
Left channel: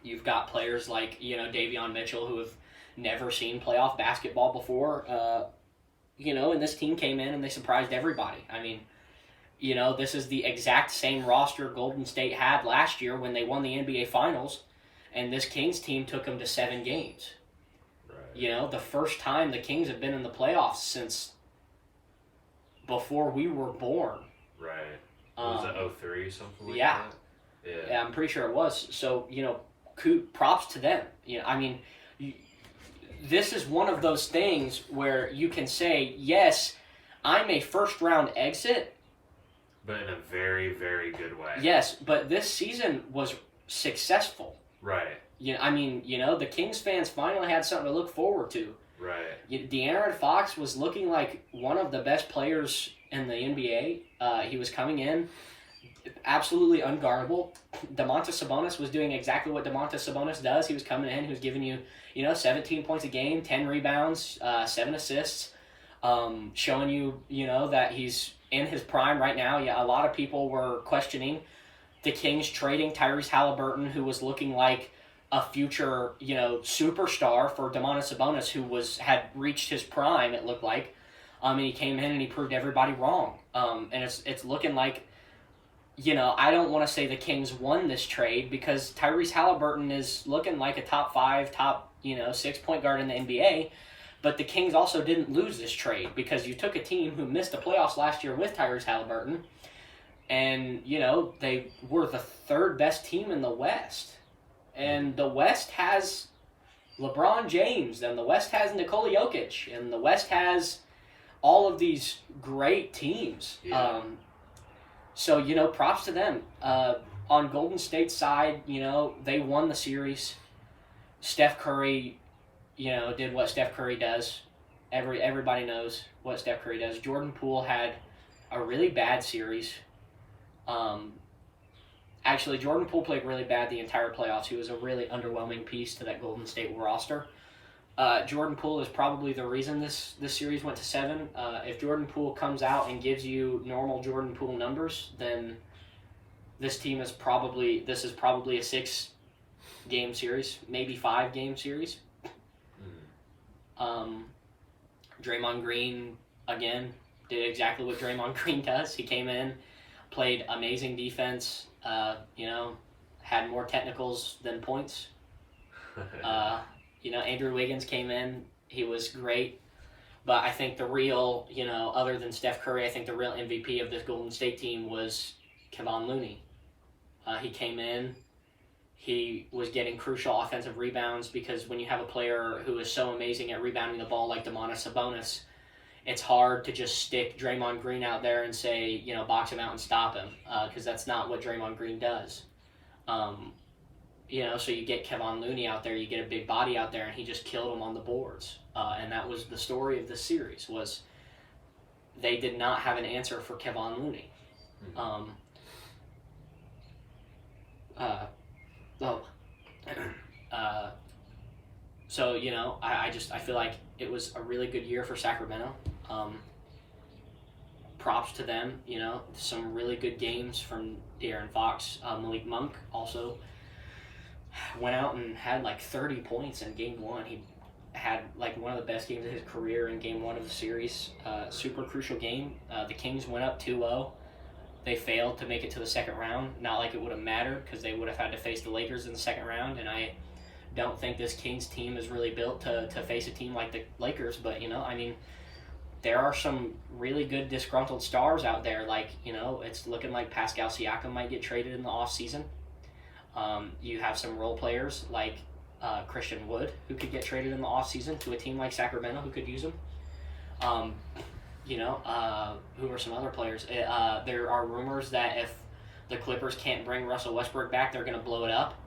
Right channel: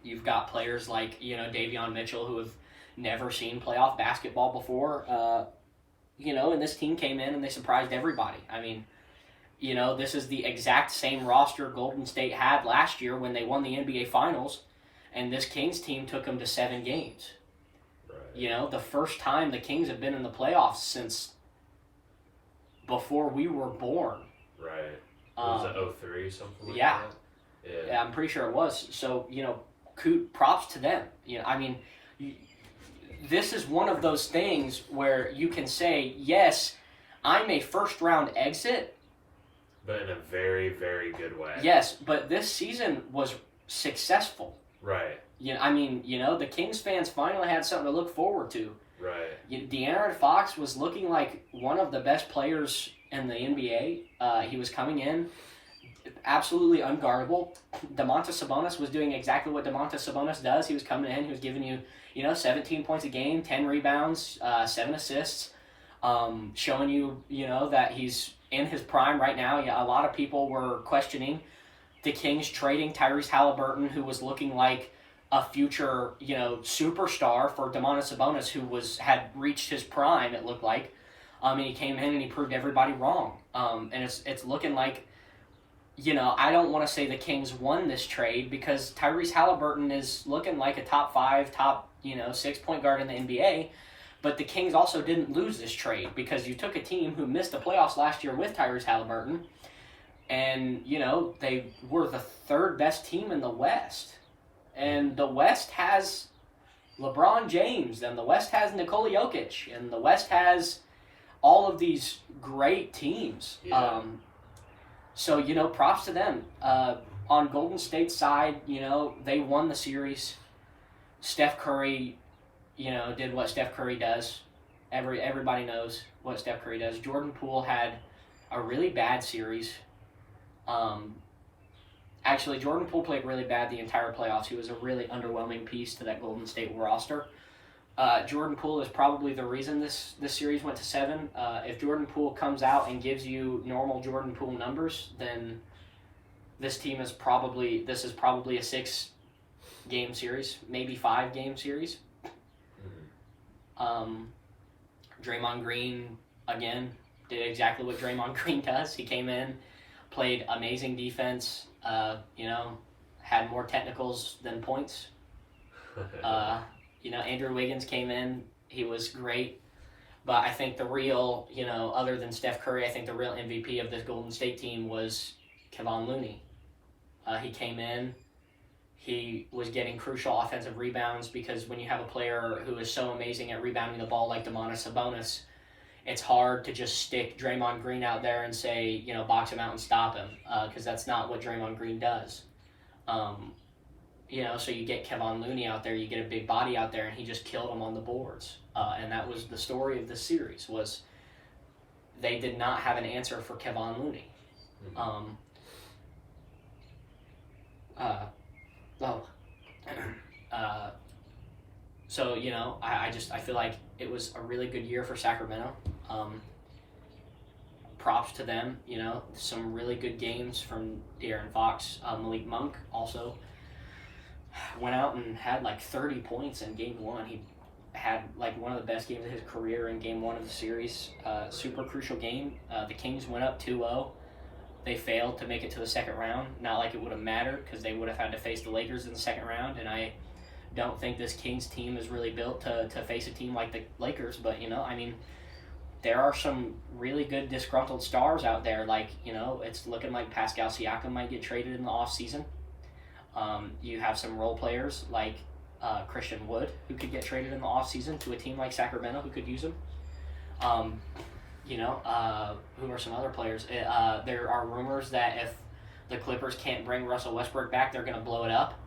You've got players like, Davion Mitchell, who have never seen playoff basketball before, and this team came in and they surprised everybody. I mean, this is the exact same roster Golden State had last year when they won the NBA Finals, and this Kings team took them to 7 games. Right. The first time the Kings have been in the playoffs since before we were born. Right. Was it 03, something like yeah. that? Yeah, I'm pretty sure it was. So, props to them. This is one of those things where you can say, yes, I'm a first-round exit. But in a very, very good way. Yes, but this season was successful. Right. The Kings fans finally had something to look forward to. Right. De'Aaron Fox was looking like one of the best players in the NBA. He was coming in absolutely unguardable. Domantas Sabonis was doing exactly what Domantas Sabonis does. He was coming in, he was giving you, 17 points a game, 10 rebounds, 7 assists, showing you, that he's in his prime right now. Yeah, a lot of people were questioning the Kings trading Tyrese Halliburton, who was looking like a future, superstar for Domantas Sabonis, who had reached his prime, it looked like. And he came in and he proved everybody wrong. And it's looking like, I don't want to say the Kings won this trade because Tyrese Halliburton is looking like a top 6 point guard in the NBA. But the Kings also didn't lose this trade because you took a team who missed the playoffs last year with Tyrese Halliburton, and, they were the third best team in the West. And the West has LeBron James, and the West has Nikola Jokic, and the West has all of these great teams. Yeah. So, props to them. On Golden State's side, they won the series. Steph Curry, did what Steph Curry does. Everybody knows what Steph Curry does. Jordan Poole had a really bad series. Actually, Jordan Poole played really bad the entire playoffs. He was a really underwhelming piece to that Golden State roster. Jordan Poole is probably the reason this series went to 7. If Jordan Poole comes out and gives you normal Jordan Poole numbers, then this is probably a 6-game series, maybe 5-game series. Draymond Green, again, did exactly what Draymond Green does. He came in, played amazing defense, had more technicals than points. Andrew Wiggins came in. He was great. But I think the real, other than Steph Curry, I think the real MVP of this Golden State team was Kevon Looney. He came in. He was getting crucial offensive rebounds because when you have a player who is so amazing at rebounding the ball like Domantas Sabonis, it's hard to just stick Draymond Green out there and say, box him out and stop him, because that's not what Draymond Green does. So you get Kevon Looney out there, you get a big body out there, and he just killed him on the boards. And that was the story of the series, was they did not have an answer for Kevon Looney. I feel like it was a really good year for Sacramento. Props to them, some really good games from De'Aaron Fox. Malik Monk also went out and had like 30 points in game 1. He had like one of the best games of his career in game 1 of the series. Super crucial game. The Kings went up 2-0. They failed to make it to the second round. Not like it would have mattered because they would have had to face the Lakers in the second round, and I don't think this Kings team is really built to face a team like the Lakers. But, there are some really good disgruntled stars out there. Like, it's looking like Pascal Siakam might get traded in the offseason. You have some role players like Christian Wood who could get traded in the offseason to a team like Sacramento who could use him. Who are some other players? There are rumors that if the Clippers can't bring Russell Westbrook back, they're going to blow it up.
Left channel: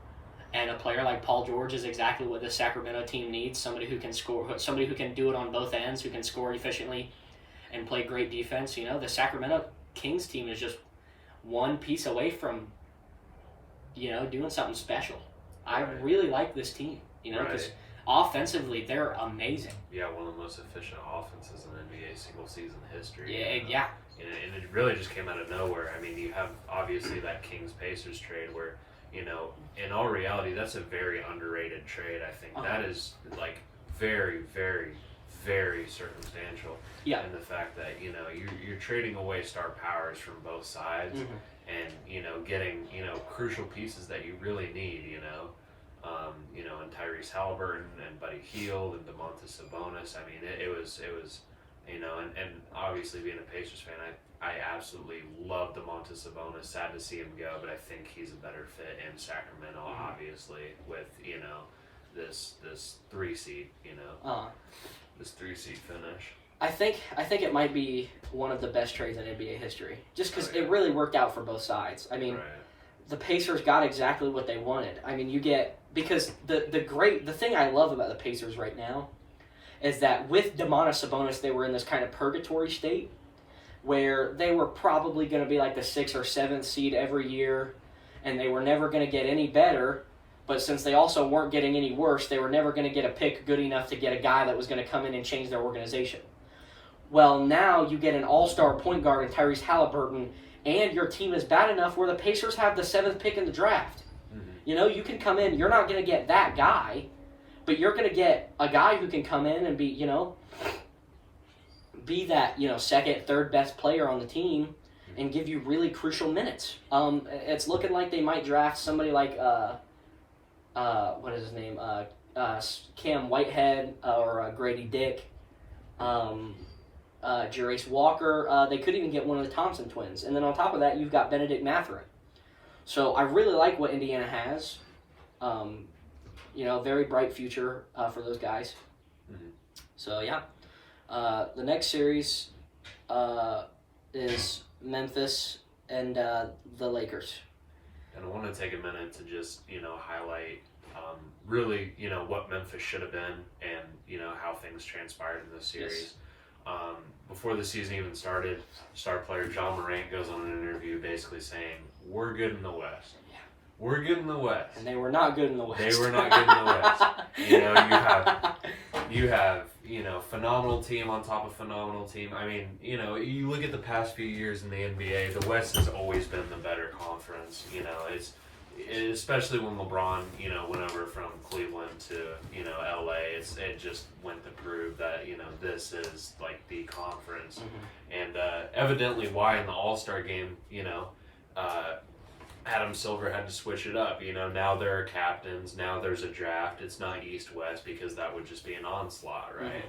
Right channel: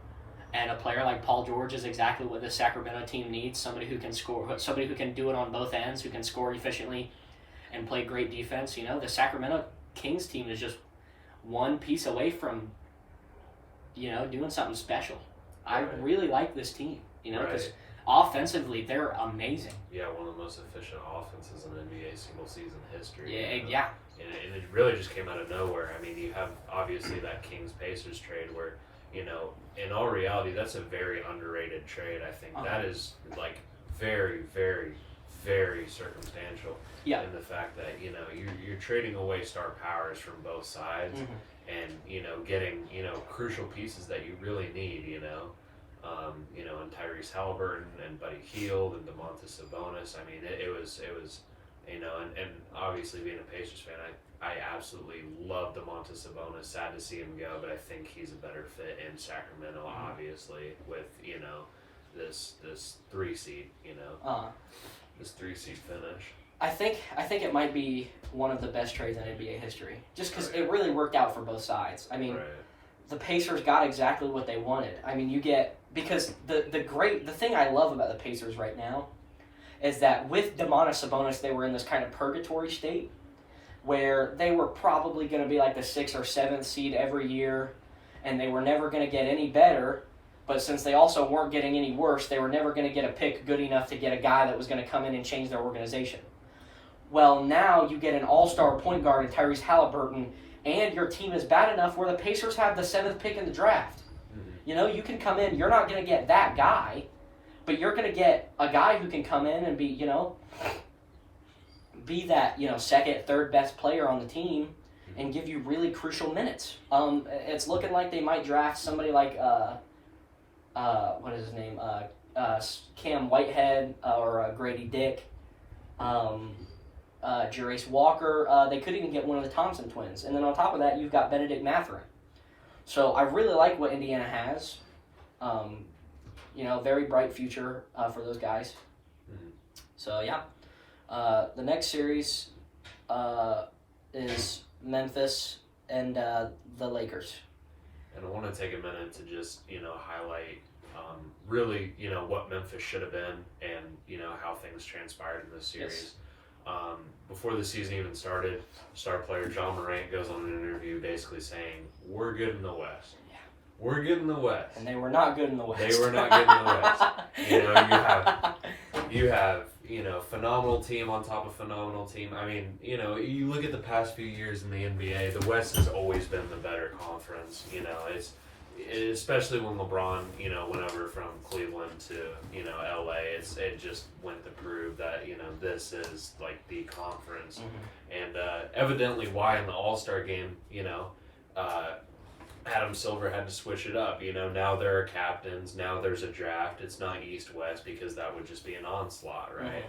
And a player like Paul George is exactly what the Sacramento team needs. Somebody who can score, somebody who can do it on both ends, who can score efficiently and play great defense. The Sacramento Kings team is just one piece away from, doing something special. Right. I really like this team, because offensively they're amazing. Yeah, one of the most efficient offenses in NBA single season history. Yeah. And it really just came out of nowhere. I mean, you have obviously that Kings-Pacers trade where, in all reality, that's a very underrated trade. I think that is like very, very, very circumstantial. Yeah. And the fact that, you're trading away star powers from both sides. Mm-hmm. And, getting, crucial pieces that you really need, and Tyrese Halliburton and Buddy Hield and Domantas Sabonis. I mean, it was, and obviously being a Pacers fan, I absolutely love Domantas Sabonis. Sad to see him go, but I think he's a better fit in Sacramento, obviously, with, this 3-seed, this 3-seed finish. I think it might be one of the best trades in NBA history, just because it really worked out for both sides. I mean, the Pacers got exactly what they wanted. I mean, because the thing I love about the Pacers right now is that with Domantas Sabonis, they were in this kind of purgatory state where they were probably going to be like the 6th or 7th seed every year, and they were never going to get any better. But since they also weren't getting any worse, they were never going to get a pick good enough to get a guy that was going to come in and change their organization. Well, now you get an all-star point guard in Tyrese Halliburton, and your team is bad enough where the Pacers have the 7th pick in the draft. Mm-hmm. You know, you can come in, you're not going to get that guy, but you're going to get a guy who can come in and be, you know, be that, you know, 2nd, 3rd best player on the team and give you really crucial minutes. It's looking like they might draft somebody like, what is his name? Cam Whitehead or Grady Dick, Jerace Walker. They could even get one of the Thompson twins. And then on top of that, you've got Benedict Mathurin. So I really like what Indiana has. You know, very bright future for those guys. Mm-hmm. So, yeah. The next series is Memphis and the Lakers. And I want to take a minute to just, you know, highlight really, you know, what Memphis should have been and, you know, how things transpired in this series. Yes. Before the season even started, star player John Morant goes on an interview basically saying, we're good in the West. Yeah. We're good in the West. And they were not good in the West. They were not good in the West. You know, you have, you know, phenomenal team on top of phenomenal team. I mean, you know, you look at the past few years in the NBA, the West has always been the better conference. You know, it's especially when LeBron, you know, went over from Cleveland to, you know, LA. It just went to prove that, you know, this is like the conference. Mm-hmm. And evidently why in the All-Star game, you know, Adam Silver had to switch it up. You know, now there are captains. Now there's a draft. It's not East-West because that would just be an onslaught, right?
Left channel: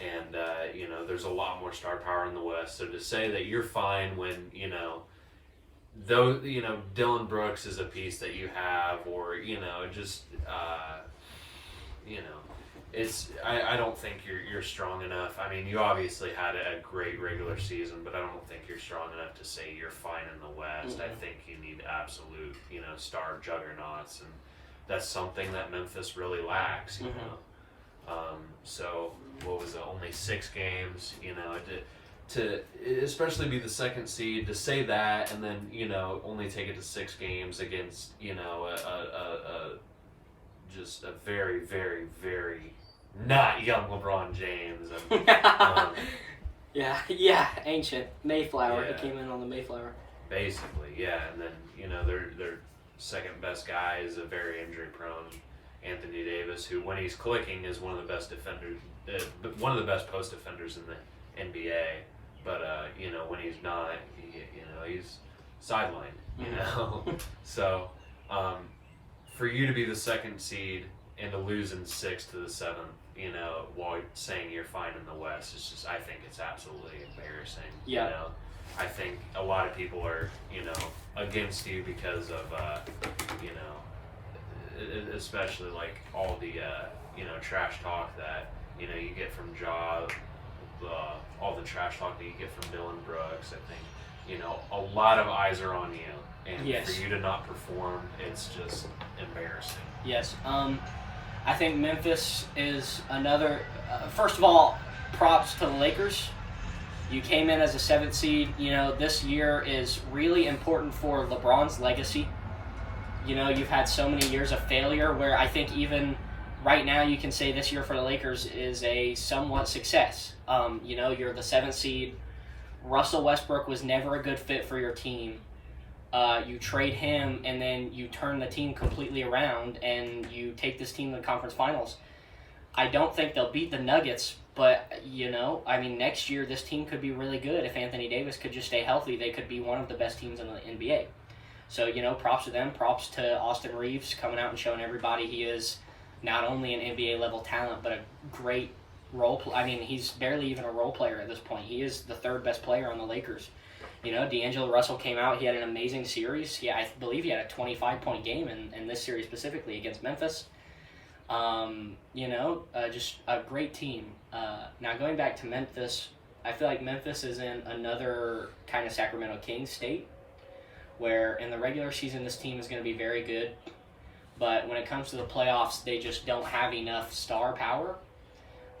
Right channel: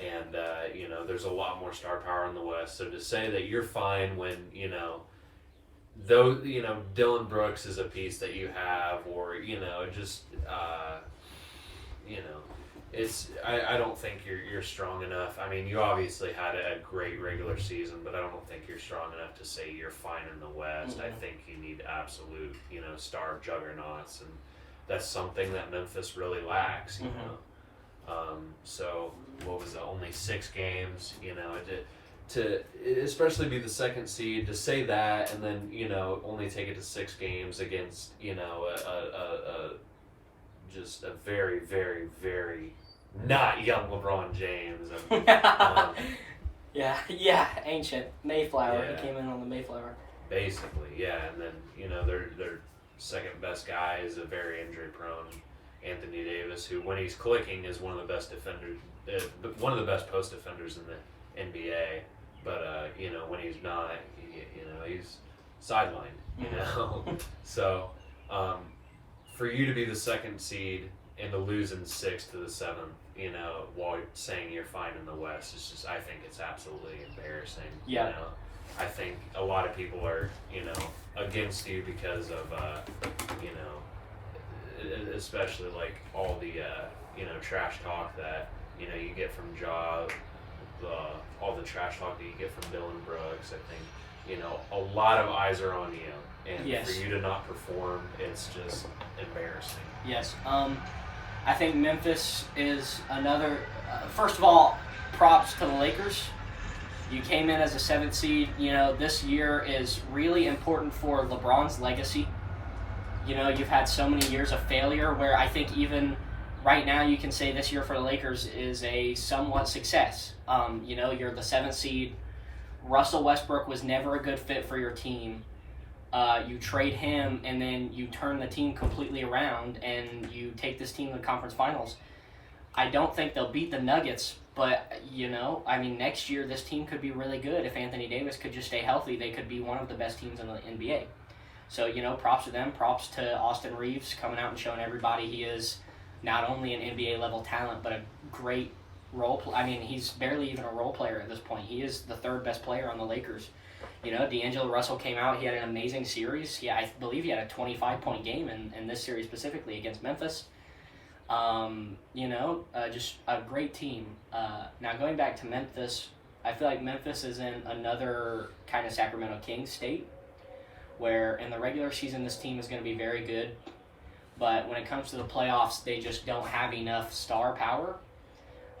Mm-hmm. And, you know, there's a lot more star power in the West. So to say that you're fine when, you know, though, you know, Dylan Brooks is a piece that you have, or, you know, just, you know, it's, I don't think you're strong enough. I mean, you obviously had a great regular season, but I don't think you're strong enough to say you're fine in the West. Mm-hmm. I think you need absolute, you know, star juggernauts, and that's something that Memphis really lacks, you know. So, what was it, only 6 games, you know, to especially be the 2nd seed, to say that and then, you know, only take it to 6 games against, you know, just a very, very, very not young LeBron James. And, yeah, ancient Mayflower. Yeah. He came in on the Mayflower. Basically, yeah, and then, you know, their 2nd best guy is a very injury prone Anthony Davis, who when he's clicking is one of the best defenders, one of the best post defenders in the NBA. But you know, when he's not, you know, he's sidelined. You know, so for you to be the 2nd seed and to lose in 6th to the 7th, you know, while saying you're fine in the West, it's just, I think it's absolutely embarrassing. Yeah. You know, I think a lot of people are, you know, against you because of, you know, especially like all the, you know, trash talk that, you know, you get from Ja, all the trash talk that you get from Dylan Brooks. I think, you know, a lot of eyes are on you, and yes. for you to not perform, it's just embarrassing. Yes. I think Memphis is another. First of all, props to the Lakers. You came in as a 7th seed. You know, this year is really important for LeBron's legacy. You know, you've had so many years of failure where I think even right now you can say this year for the Lakers is a somewhat success. You know, you're the 7th seed. Russell Westbrook was never a good fit for your team. You trade him, and then you turn the team completely around, and you take this team to the conference finals. I don't think they'll beat the Nuggets, but, you know, I mean, next year this team could be really good. If Anthony Davis could just stay healthy, they could be one of the best teams in the NBA. So, you know, props to them. Props to Austin Reeves coming out and showing everybody he is not only an NBA-level talent, but a great I mean, he's barely even a role player at this point. He is the 3rd best player on the Lakers. You know, D'Angelo Russell came out. He had an amazing series. Yeah, I believe he had a 25-point game in this series specifically against Memphis. You know, just a great team. Now, going back to Memphis, I feel like Memphis is in another kind of Sacramento Kings state where in the regular season this team is going to be very good. But when it comes to the playoffs, they just don't have enough star power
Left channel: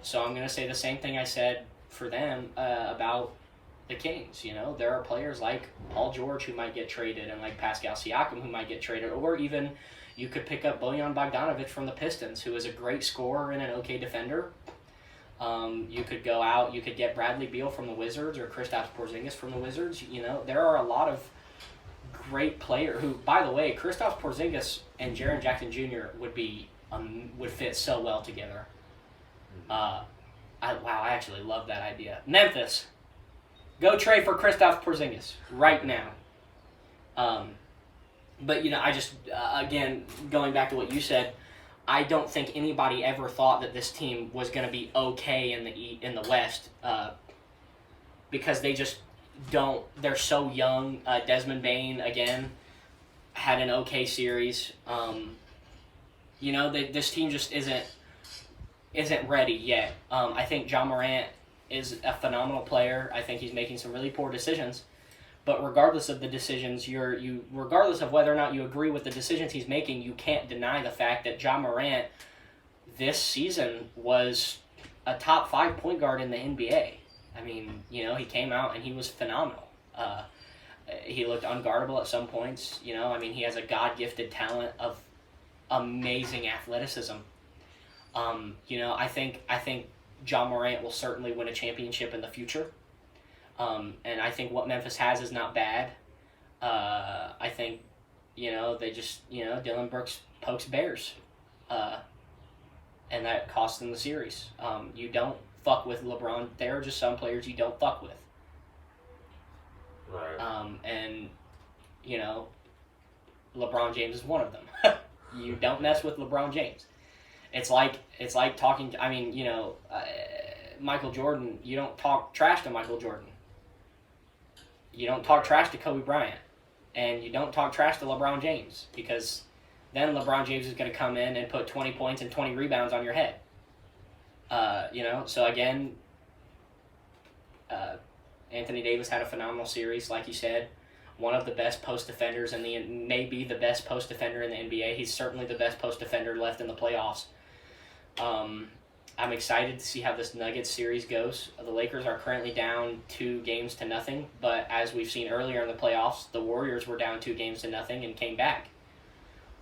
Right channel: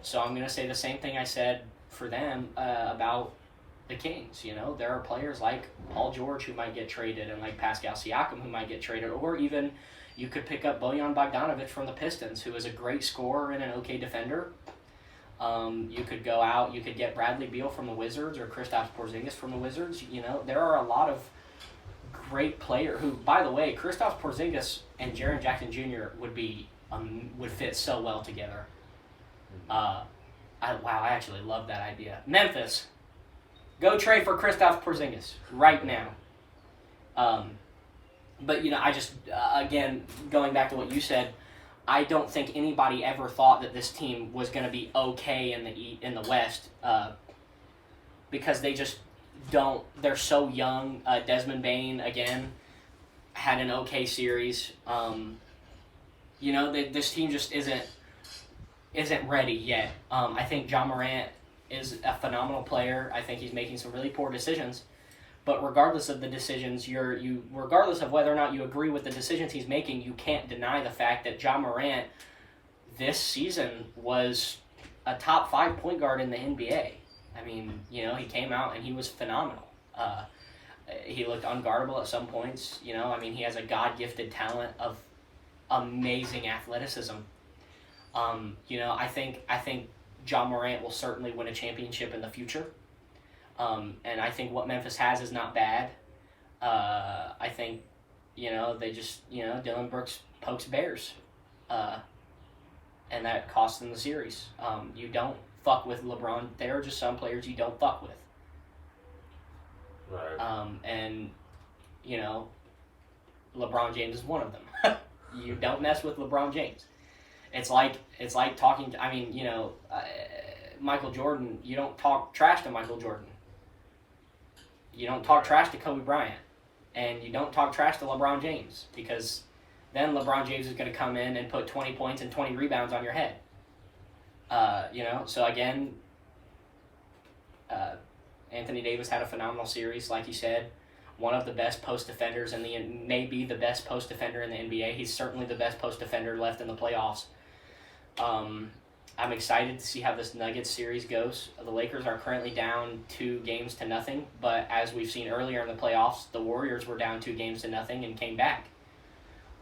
So I'm going to say the same thing I said for them about the Kings. You know, there are players like Paul George who might get traded and like Pascal Siakam who might get traded, or even you could pick up Bojan Bogdanovic from the Pistons, who is a great scorer and an okay defender. You could go out, you could get Bradley Beal from the Wizards or Kristaps Porzingis from the Wizards. You know, there are a lot of great players who, by the way, Kristaps Porzingis and Jaren Jackson Jr. would fit so well together. I actually love that idea. Memphis, go trade for Kristaps Porzingis right now. But, you know, I just, again, going back to what you said, I don't think anybody ever thought that this team was going to be okay in the West because they just don't. They're so young. Desmond Bain again had an okay series. You know, this team just isn't ready yet. I think Ja Morant is a phenomenal player. I think he's making some really poor decisions. But regardless of the decisions, regardless of whether or not you agree with the decisions he's making, you can't deny the fact that Ja Morant this season was a top 5 point guard in the NBA. I mean, you know, he came out and he was phenomenal. He looked unguardable at some points. You know, I mean, he has a God-gifted talent of amazing athleticism. You know, I think Ja Morant will certainly win a championship in the future. And I think what Memphis has is not bad. I think, you know, they just, you know, Dylan Brooks pokes bears. And that costs them the series. You don't fuck with LeBron. There are just some players you don't fuck with. Right. And, you know, LeBron James is one of them. You don't mess with LeBron James. It's like talking to, I mean, you know, Michael Jordan, you don't talk trash to Michael Jordan. You don't talk trash to Kobe Bryant. And you don't talk trash to LeBron James, because then LeBron James is going to come in and put 20 points and 20 rebounds on your head. You know, so again, Anthony Davis had a phenomenal series, like you said. One of the best post defenders maybe the best post defender in the NBA. He's certainly the best post defender left in the playoffs. I'm excited to see how this Nuggets series goes. The Lakers are currently down 2-0, but as we've seen earlier in the playoffs, the Warriors were down 2-0 and came back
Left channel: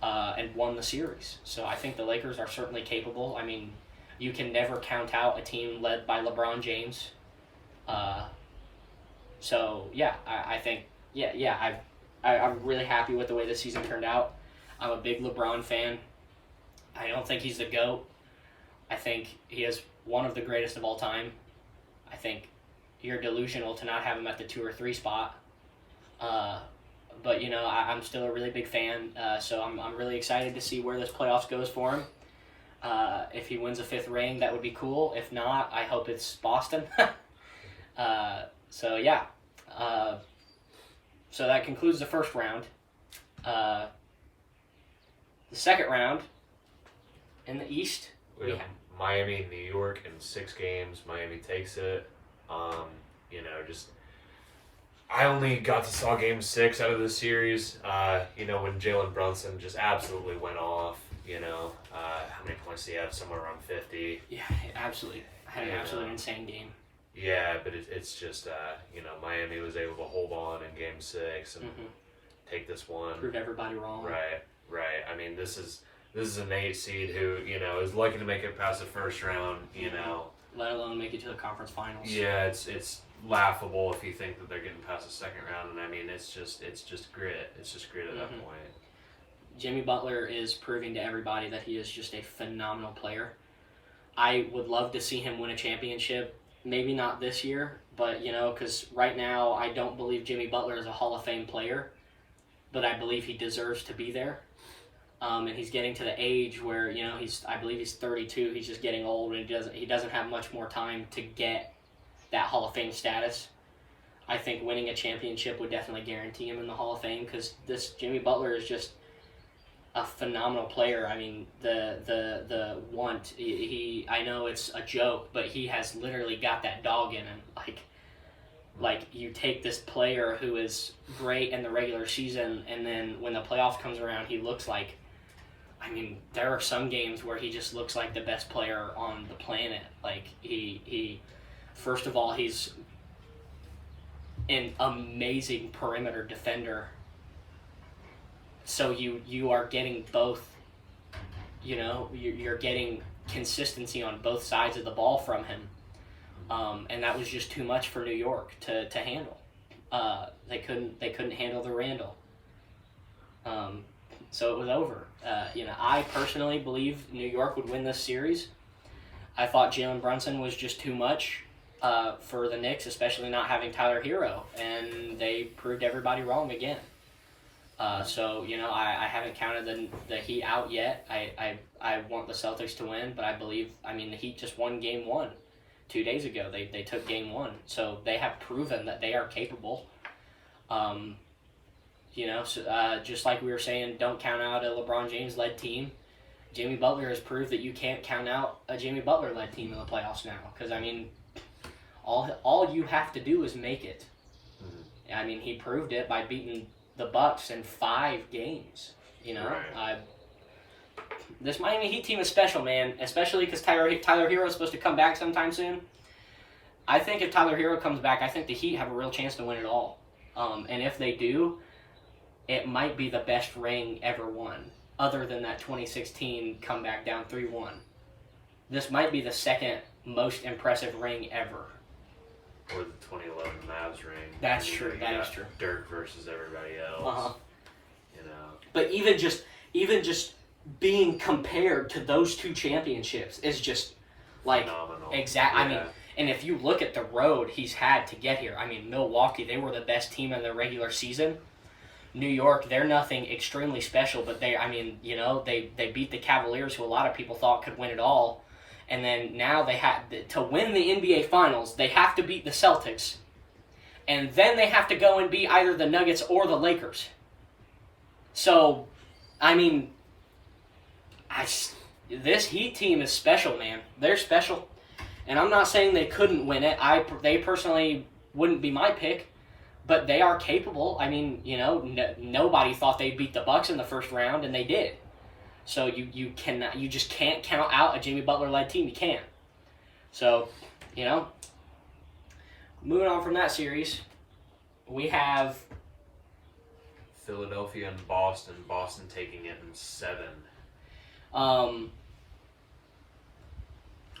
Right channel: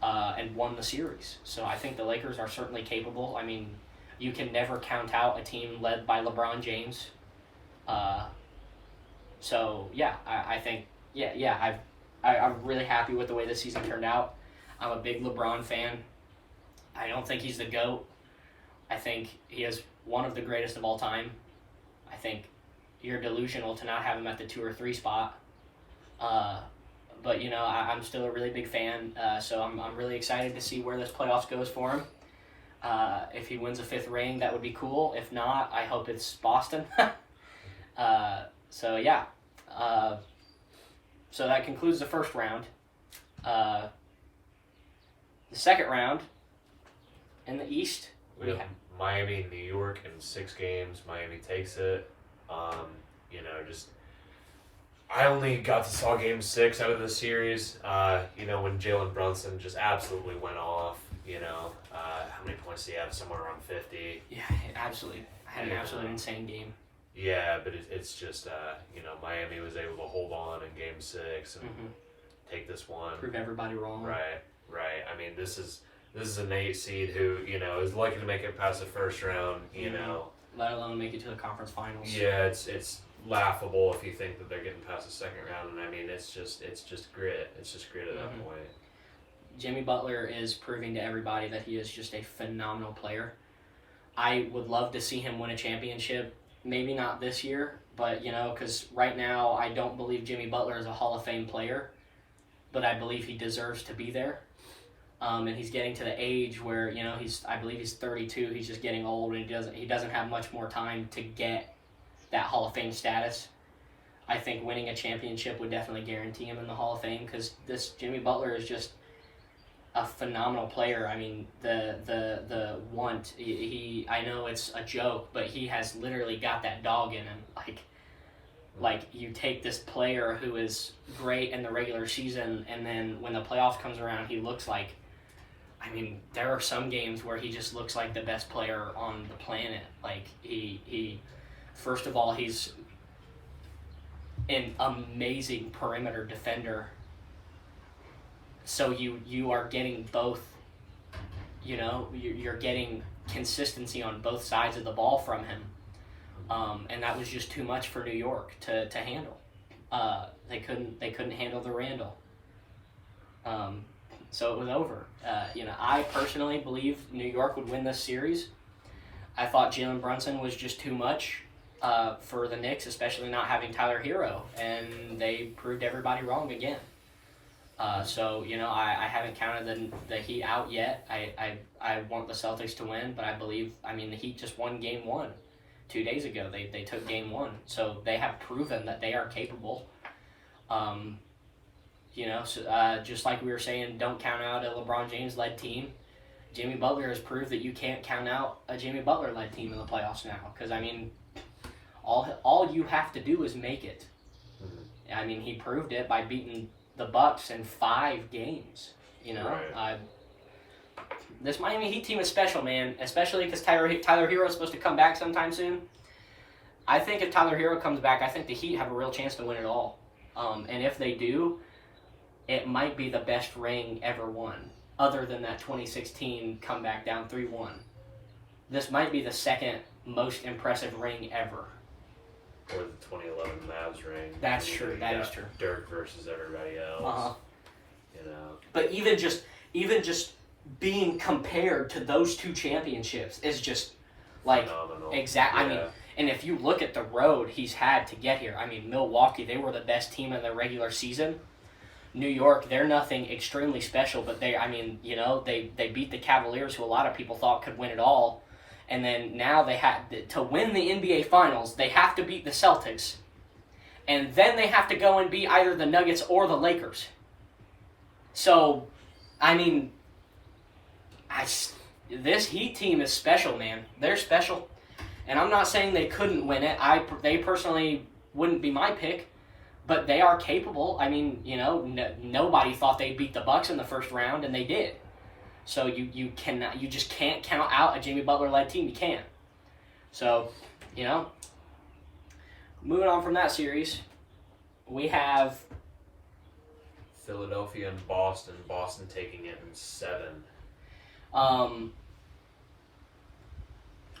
and won the series. So I think the Lakers are certainly capable. I mean, you can never count out a team led by LeBron James. So yeah, I think I'm really happy with the way this season turned out. I'm a big LeBron fan. I don't think he's the GOAT. I think he is one of the greatest of all time. I think you're delusional to not have him at the 2 or 3 spot. But, you know, I'm still a really big fan, so I'm really excited to see where this playoffs goes for him. If he wins a 5th ring, that would be cool. If not, I hope it's Boston. So, yeah. So that concludes the first round. The second round, in the East, we have Miami, New York in 6 games. Miami takes it. You know, just I only got to saw Game 6 out of this series. You know, when Jalen Brunson just absolutely went off. You know, how many points did he have? Somewhere around 50. Yeah, absolutely. Had an absolutely insane game. Yeah, but it's just you know, Miami was able to hold on in Game 6 and take this one. Prove everybody wrong. Right. I mean, this is an 8 seed who, you know, is lucky to make it past the first round, you know. Let alone make it to the conference finals. Yeah, it's laughable if you think that they're getting past the second round, and I mean, it's just grit. It's just grit at that point. Jimmy Butler is proving to everybody that he is just a phenomenal player. I would love to see him win a championship. Maybe not this year, but, you know, because right now I don't believe Jimmy Butler is a Hall of Fame player, but I believe he deserves to be there. And he's getting to the age where, you know, I believe he's 32. He's just getting old, and he doesn't have much more time to get that Hall of Fame status. I think winning a championship would definitely guarantee him in the Hall of Fame, because this Jimmy Butler is just a phenomenal player. I mean, the want, I know it's a joke, but he has literally got that dog in him. Like you take this player who is great in the regular season, and then when the playoffs comes around, he looks like I mean, there are some games where he just looks like the best player on the planet. Like, he first of all, he's an amazing perimeter defender. So you are getting both, you're getting consistency on both sides of the ball from him. And that was just too much for New York to handle. They couldn't handle the Randall. So it was over. I personally believe New York would win this series. I thought Jalen Brunson was just too much for the Knicks, especially not having Tyler Hero, and they proved everybody wrong again. I haven't counted the Heat out yet. I want the Celtics to win, but the Heat just won Game 1 2 days ago. They took Game 1, so they have proven that they are capable. Just like we were saying, don't count out a LeBron James-led team. Jimmy Butler has proved that you can't count out a Jimmy Butler-led team in the playoffs now. Because, all you have to do is make it. Mm-hmm. He proved it by beating the Bucks in 5 games. Right. This Miami Heat team is special, man. Especially because Tyler Hero is supposed to come back sometime soon. I think if Tyler Hero comes back, I think the Heat have a real chance to win it all. And if they do, it might be the best ring ever won, other than that 2016 comeback down 3-1. This might be the second most impressive ring ever. Or the 2011 Mavs ring. That's true. That is true. Dirk versus everybody else. Uh-huh. But even just being compared to those 2 championships is just like phenomenal. Exactly. Yeah. And if you look at the road he's had to get here, Milwaukee, they were the best team in the regular season. New York, they're nothing extremely special, but they beat the Cavaliers, who a lot of people thought could win it all. And then now they have to win the NBA Finals, they have to beat the Celtics. And then they have to go and beat either the Nuggets or the Lakers. So, this Heat team is special, man. They're special. And I'm not saying they couldn't win it. They personally wouldn't be my pick, but they are capable. Nobody thought they'd beat the Bucks in the first round, and they did. So you just can't count out a Jimmy Butler-led team. You can't. So, moving on from that series, we have Philadelphia and Boston. Boston taking it in 7.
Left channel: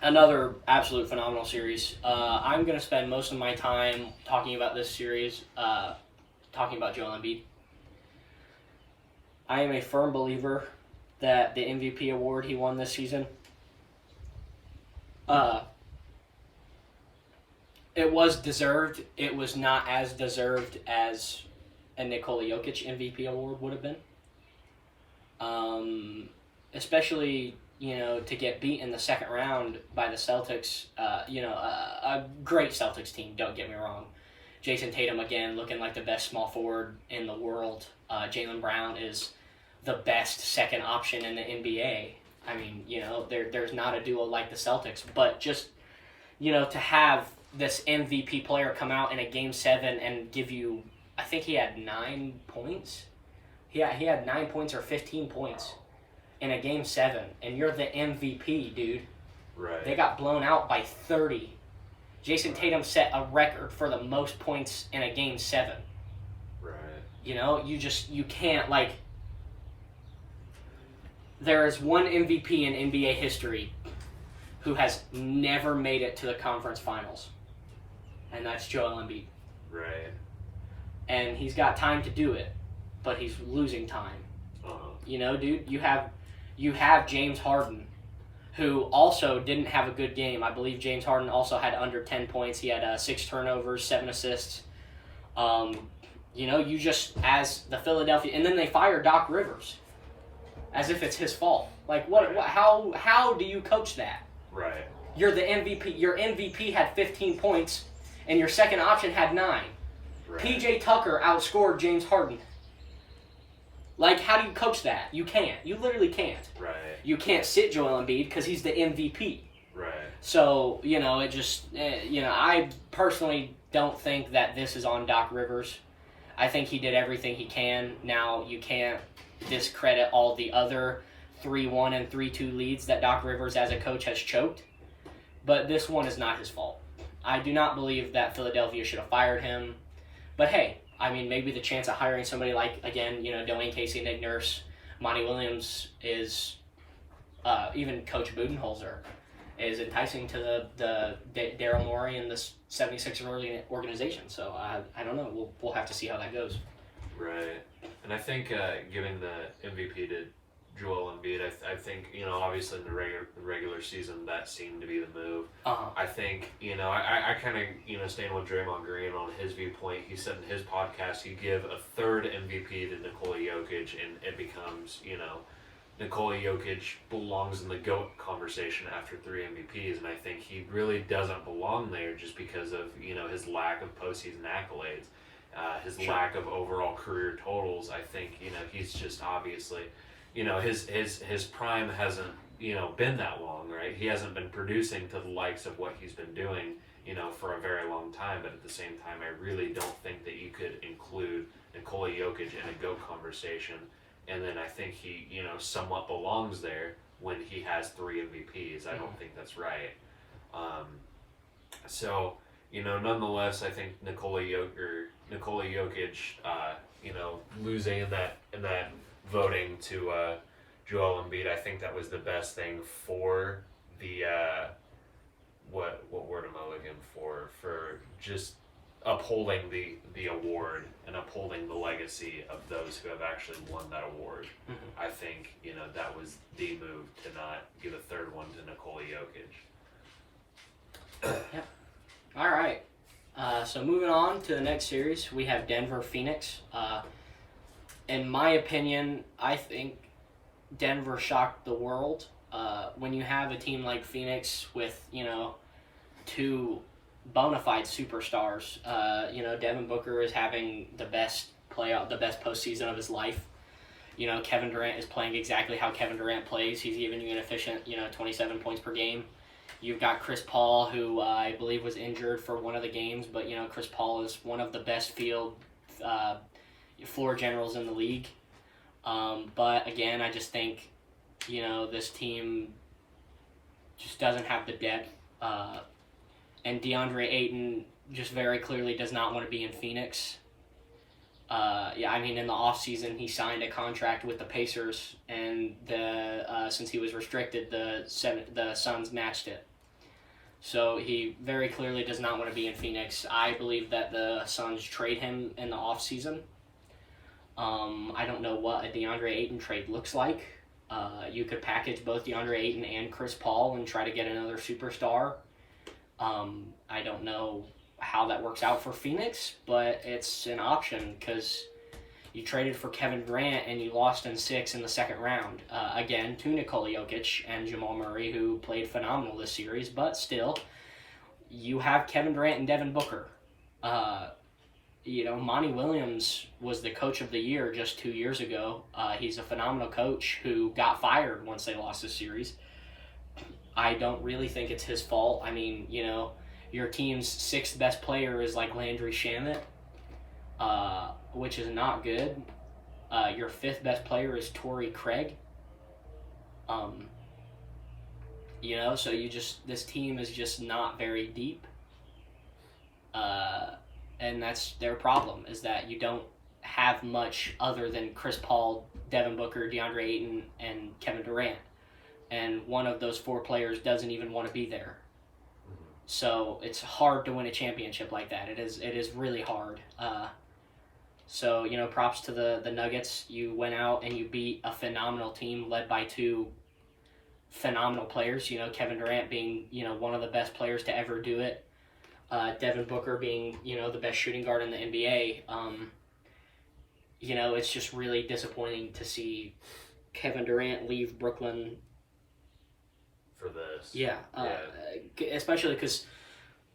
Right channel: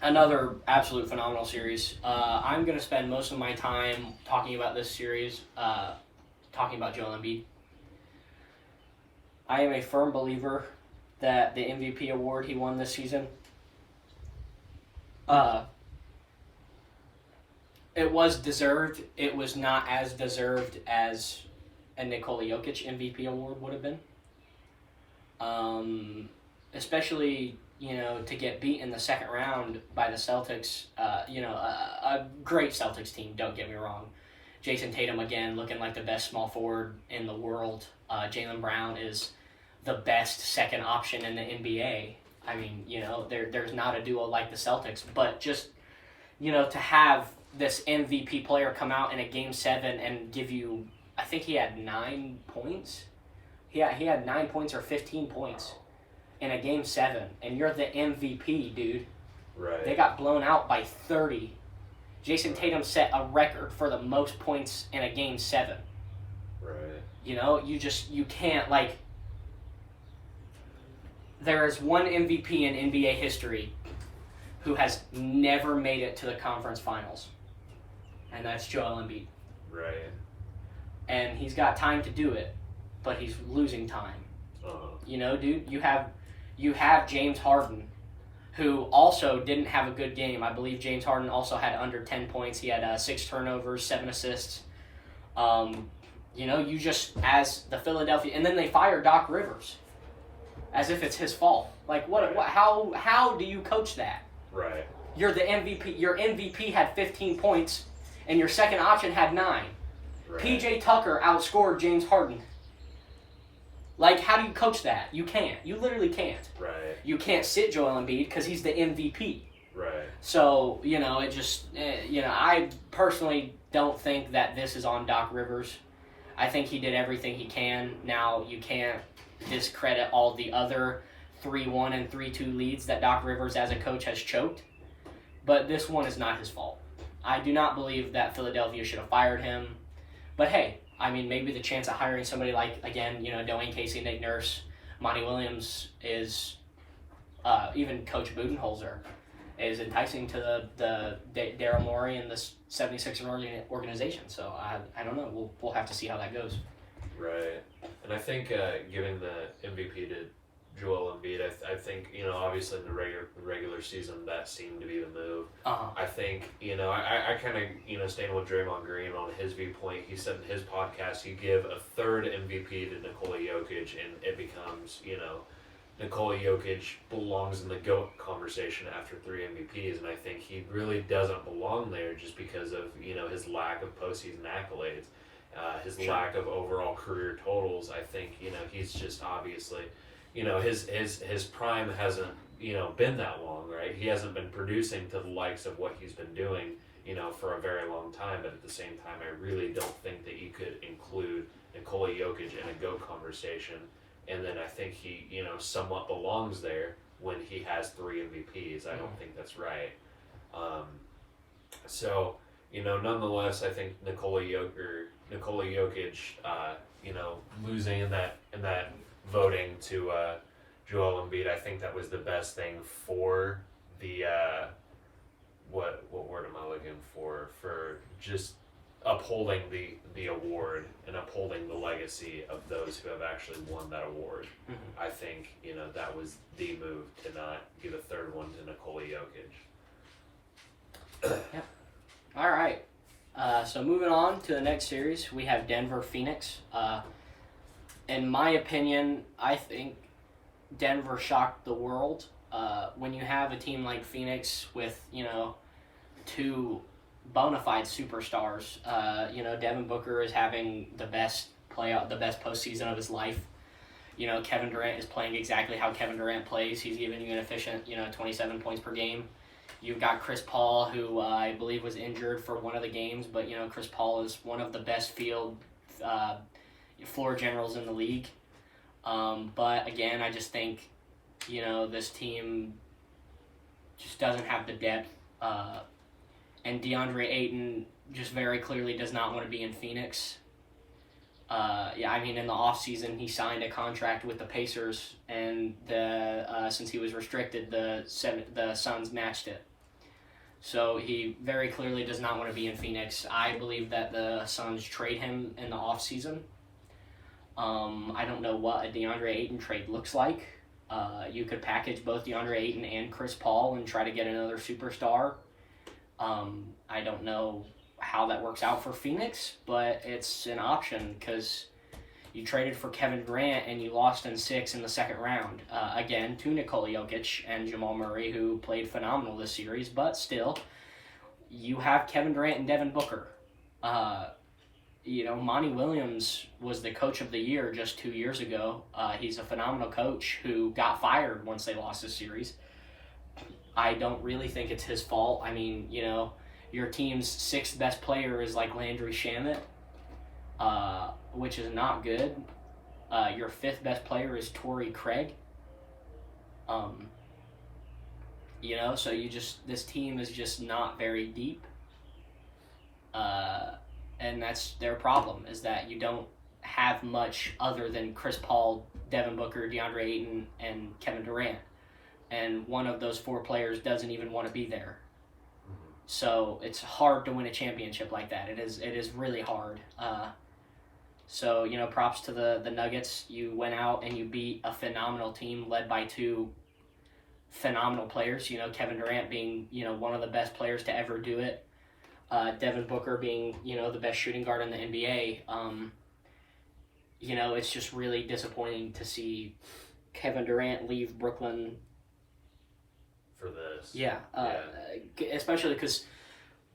Another absolute phenomenal series. I'm going to spend most of my time talking about this series, talking about Joel Embiid. I am a firm believer that the MVP award he won this season, it was deserved. It was not as deserved as a Nikola Jokic MVP award would have been. Especially, to get beat in the second round by the Celtics, a great Celtics team, don't get me wrong. Jason Tatum, again, looking like the best small forward in the world. Jaylen Brown is the best second option in the NBA. There's not a duo like the Celtics, but just, to have this MVP player come out in a Game 7 and give you, I think he had 9 points. He had 9 points or 15 points in a Game 7, and you're the MVP, dude. Right. They got blown out by 30. Jason Tatum set a record for the most points in a Game 7. Right. You can't, there is one MVP in NBA history who has never made it to the conference finals, and that's Joel Embiid. Right. And he's got time to do it, but he's losing time. Uh-huh. Dude, you have James Harden, who also didn't have a good game. I believe James Harden also had under 10 points. He had 6 turnovers, 7 assists. You just, as the Philadelphia, and then they fired Doc Rivers as if it's his fault. How do you coach that? Right. You're the MVP. Your MVP had 15 points, and your second option had 9. Right. PJ Tucker outscored James Harden. How do you coach that? You can't. You literally can't. Right. You can't sit Joel Embiid because he's the MVP. Right. So, I personally don't think that this is on Doc Rivers. I think he did everything he can. Now, you can't discredit all the other 3-1 and 3-2 leads that Doc Rivers as a coach has choked. But this one is not his fault. I do not believe that Philadelphia should have fired him. But hey, I mean, maybe the chance of hiring somebody like, again, Dwayne Casey, Nick Nurse, Monty Williams is, even Coach Budenholzer is enticing to the Daryl Morey and the 76ers organization. So I don't know. We'll have to see how that goes. Right. And I think giving the MVP to Joel Embiid, I think, obviously in the regular season that seemed to be the move. I think, I kind of, staying with Draymond Green on his viewpoint, he said in his podcast he'd give a third MVP to Nikola Jokic, and it becomes, Nikola Jokic belongs in the GOAT conversation after 3 MVPs, and I think he really doesn't belong there just because of, his lack of postseason accolades, his lack of overall career totals. I think, he's just obviously... his prime hasn't, been that long, right? He hasn't been producing to the likes of what he's been doing, for a very long time. But at the same time, I really don't think that you could include Nikola Jokic in a GOAT conversation. And then I think he, somewhat belongs there when he has 3 MVPs. I don't think that's right. So, nonetheless, I think Nikola Jokic, losing in that voting to Joel Embiid, I think that was the best thing for the what word am I looking for just upholding the award and upholding the legacy of those who have actually won that award. I think that was the move to not give a third one to Nikola Jokic. Yeah. All right. So moving on to the next series, we have Denver Phoenix. In my opinion, I think Denver shocked the world. When you have a team like Phoenix with, 2 bona fide superstars, Devin Booker is having the best postseason of his life. Kevin Durant is playing exactly how Kevin Durant plays. He's giving you an efficient, 27 points per game. You've got Chris Paul, who I believe was injured for one of the games, but, Chris Paul is one of the best floor generals in the league. But again, I just think, this team just doesn't have the depth. And DeAndre Ayton just very clearly does not want to be in Phoenix. In the offseason, he signed a contract with the Pacers, and since he was restricted, the Suns matched it. So he very clearly does not want to be in Phoenix. I believe that the Suns trade him in the offseason. I don't know what a DeAndre Ayton trade looks like. You could package both DeAndre Ayton and Chris Paul and try to get another superstar. I don't know how that works out for Phoenix, but it's an option because you traded for Kevin Durant and you lost in 6 in the second round. Again, to Nikola Jokic and Jamal Murray, who played phenomenal this series, but still, you have Kevin Durant and Devin Booker. Monty Williams was the coach of the year just 2 years ago. He's a phenomenal coach who got fired once they lost this series. I don't really think it's his fault. I mean, your team's 6th best player is like Landry Shamet, which is not good. Your 5th best player is Torrey Craig. So this team is just not very deep. And that's their problem, is that you don't have much other than Chris Paul, Devin Booker, DeAndre Ayton, and Kevin Durant. And one of those 4 players doesn't even want to be there. So it's hard to win a championship like that. It is really hard. So props to the Nuggets. You went out and you beat a phenomenal team led by 2 phenomenal players. Kevin Durant being one of the best players to ever do it. Devin Booker being, the best shooting guard in the NBA. It's just really disappointing to see Kevin Durant leave Brooklyn for this. Yeah. Especially because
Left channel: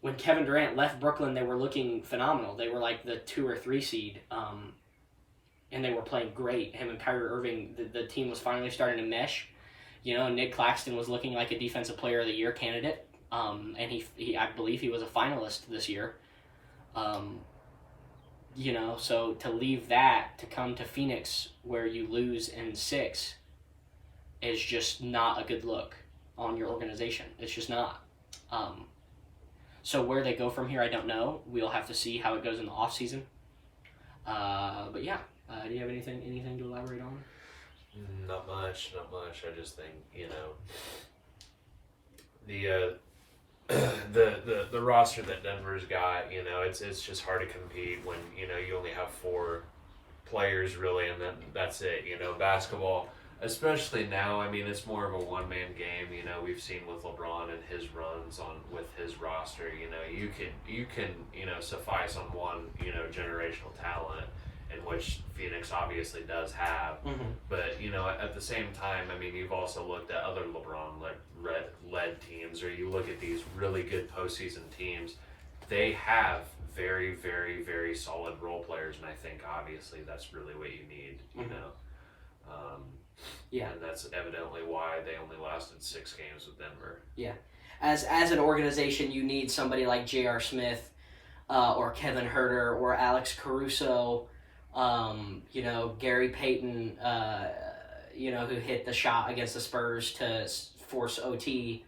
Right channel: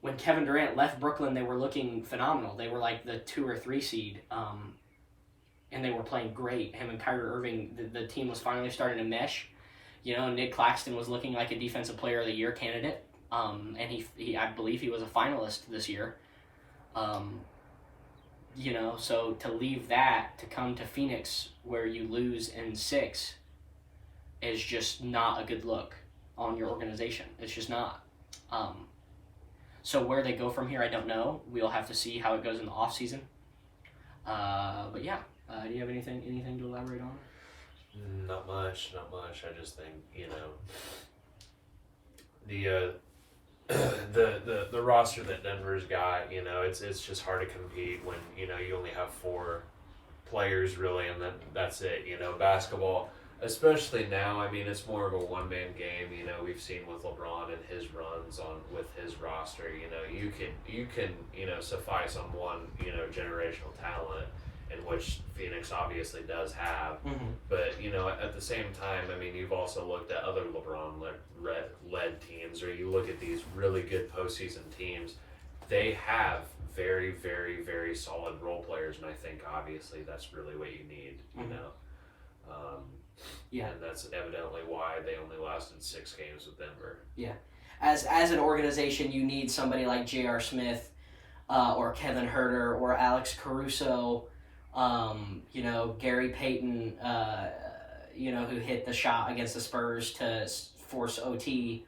when Kevin Durant left Brooklyn, they were looking phenomenal. They were like the 2 or 3 seed, and they were playing great. Him and Kyrie Irving, the team was finally starting to mesh. Nick Claxton was looking like a Defensive Player of the Year candidate. And he I believe he was a finalist this year. So to leave that to come to Phoenix where you lose in 6, is just not a good look on your organization. It's just not. So where they go from here, I don't know. We'll have to see how it goes in the off season. But yeah, do you have anything to elaborate on? Not much. I just think, the the roster that Denver's got, it's just hard to compete when you only have 4 players really, and then that's it. Basketball, especially now. I mean, it's more of a one-man game. We've seen with LeBron and his runs on with his roster. You can suffice on one generational talent, in which Phoenix obviously does have. Mm-hmm. But at the same time, I mean, you've also looked at other LeBron-led teams, or you look at these really good postseason teams. They have very, very, very solid role players, and I think obviously that's really what you need. Yeah. And that's evidently why they only lasted 6 games with Denver. Yeah. As an organization, you need somebody like J.R. Smith, or Kevin Huerter, or Alex Caruso. Gary Payton, who hit the shot against the Spurs to force OT.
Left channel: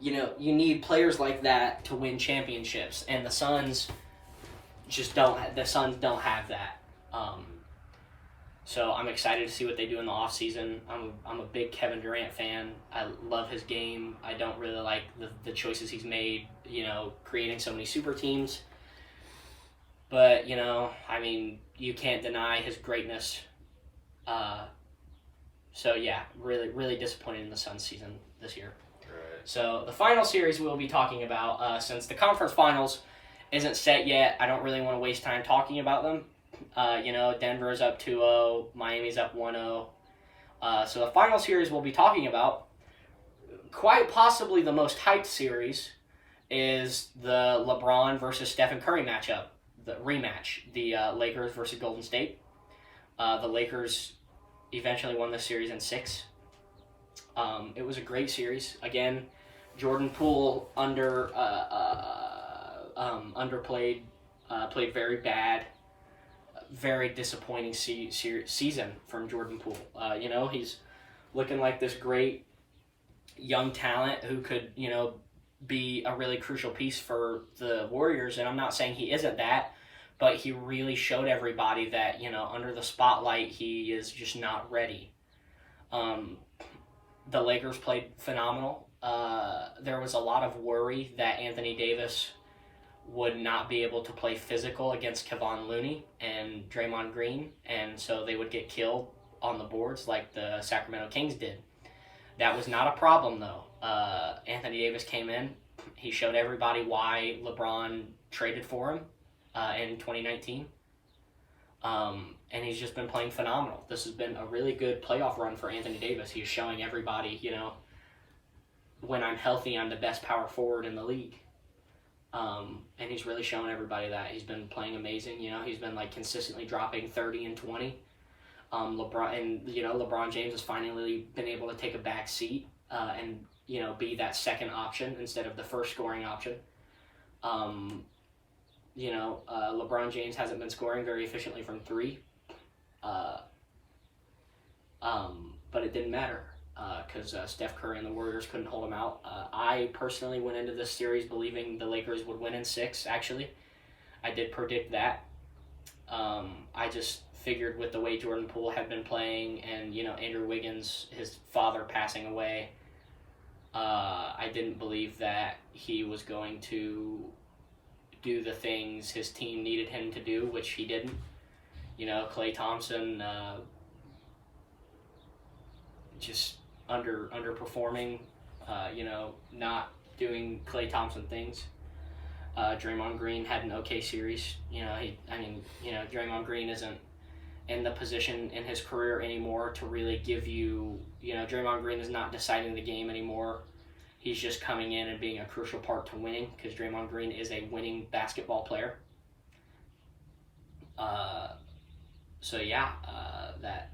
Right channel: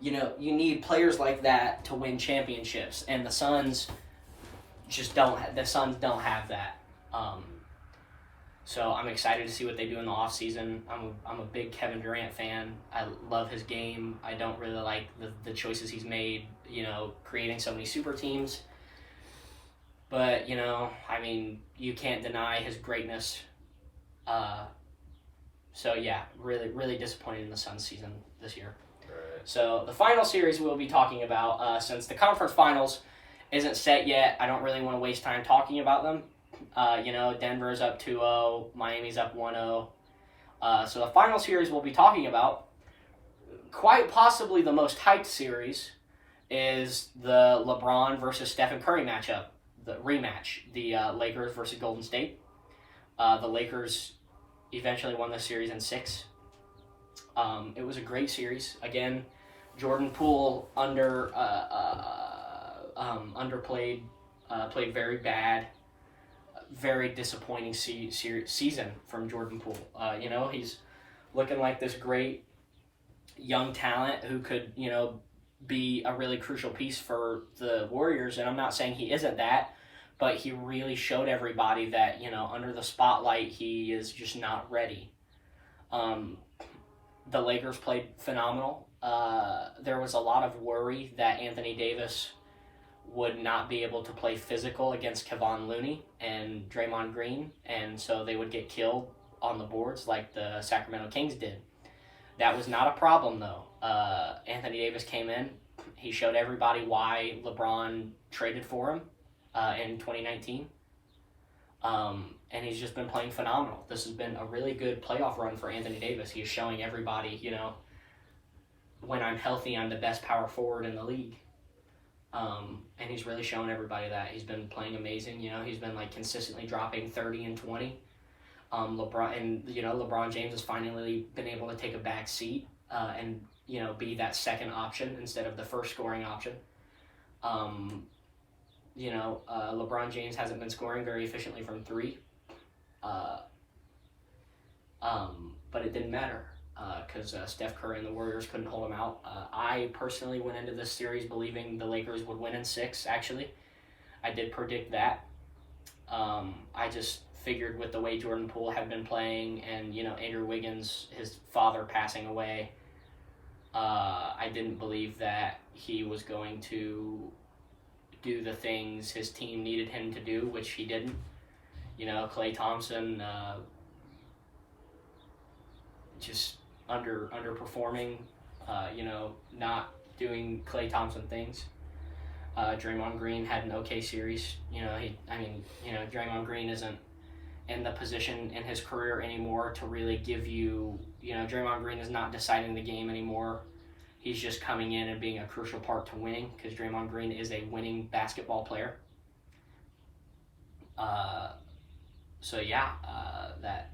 You need players like that to win championships, and the Suns just don't. The Suns don't have that. So I'm excited to see what they do in the offseason. I'm a big Kevin Durant fan. I love his game. I don't really like the choices he's made, creating so many super teams. But, I mean, you can't deny his greatness. So, yeah, really, really disappointed in the Suns season this year. Right. So, the final series we'll be talking about, since the conference finals isn't set yet, I don't really want to waste time talking about them. Denver's up 2-0, Miami's up 1-0. So, the final series we'll be talking about, quite possibly the most hyped series, is the LeBron versus Stephen Curry matchup. The rematch, the Lakers versus Golden State. The Lakers eventually won the series in 6. It was a great series. Again, Jordan Poole underplayed, played very bad, very disappointing season from Jordan Poole. He's looking like this great young talent who could, be a really crucial piece for the Warriors, and I'm not saying he isn't that, but he really showed everybody that, under the spotlight, he is just not ready. The Lakers played phenomenal. There was a lot of worry that Anthony Davis would not be able to play physical against Kevon Looney and Draymond Green, and so they would get killed on the boards like the Sacramento Kings did. That was not a problem, though. Anthony Davis came in. He showed everybody why LeBron traded for him in 2019. And he's just been playing phenomenal. This has been a really good playoff run for Anthony Davis. He's showing everybody, when I'm healthy, I'm the best power forward in the league. And he's really showing everybody that. He's been playing amazing. He's been consistently dropping 30 and 20. LeBron James has finally been able to take a back seat and be that second option instead of the first scoring option. LeBron James hasn't been scoring very efficiently from 3, but it didn't matter because Steph Curry and the Warriors couldn't hold him out. I personally went into this series believing the Lakers would win in 6. Actually, I did predict that. I just figured with the way Jordan Poole had been playing and, Andrew Wiggins, his father, passing away, I didn't believe that he was going to do the things his team needed him to do, which he didn't. Klay Thompson just underperforming, not doing Klay Thompson things. Draymond Green had an okay series. Draymond Green isn't in the position in his career anymore to really give you, Draymond Green is not deciding the game anymore. He's just coming in and being a crucial part to winning because Draymond Green is a winning basketball player.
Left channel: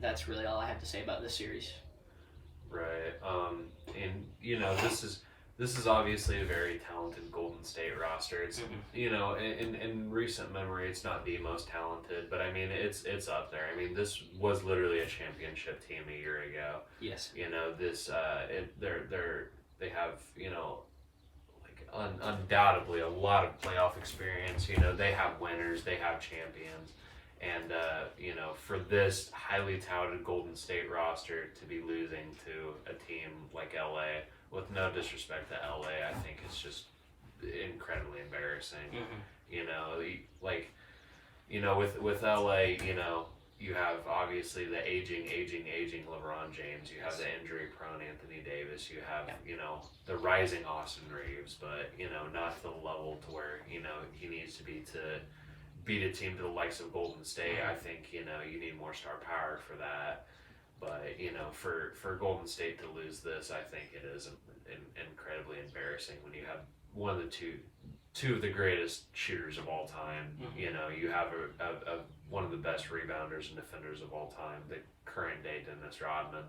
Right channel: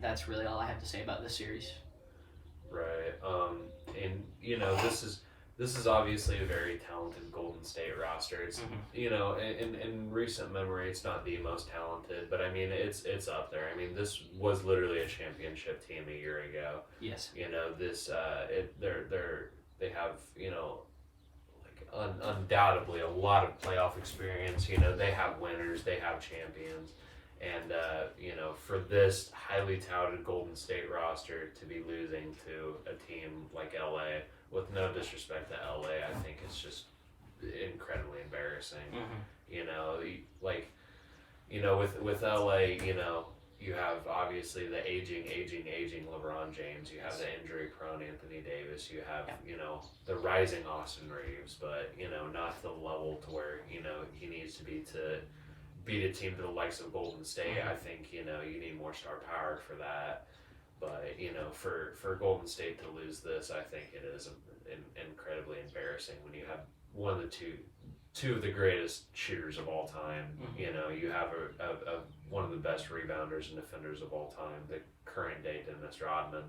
That's really all I have to say about this series. Right. And this is obviously a very talented Golden State roster. It's you know, in recent memory, it's not the most talented, but I mean, it's up there. I mean, this was literally a championship team a year ago. Yes. You know, this they have, you know, like undoubtedly a lot of playoff experience. You know, they have winners, they have champions. And, you know, for this highly touted Golden State roster to be losing to a team like LA, with no disrespect to LA, I think it's just incredibly embarrassing. You know, like, you know, with LA, you know, you have obviously the aging LeBron James. You have the injury-prone Anthony Davis. You have, you know, the rising Austin Reeves, but, you know, not to the level to where, you know, he needs to be to beat a team to the likes of Golden State. I think, you know, you need more star power for that. But, you know, for Golden State to lose this, I think it is incredibly embarrassing when you have one of the two of the greatest shooters of all time. You know, you have a one of the best rebounders and defenders of all time, the current day Dennis Rodman.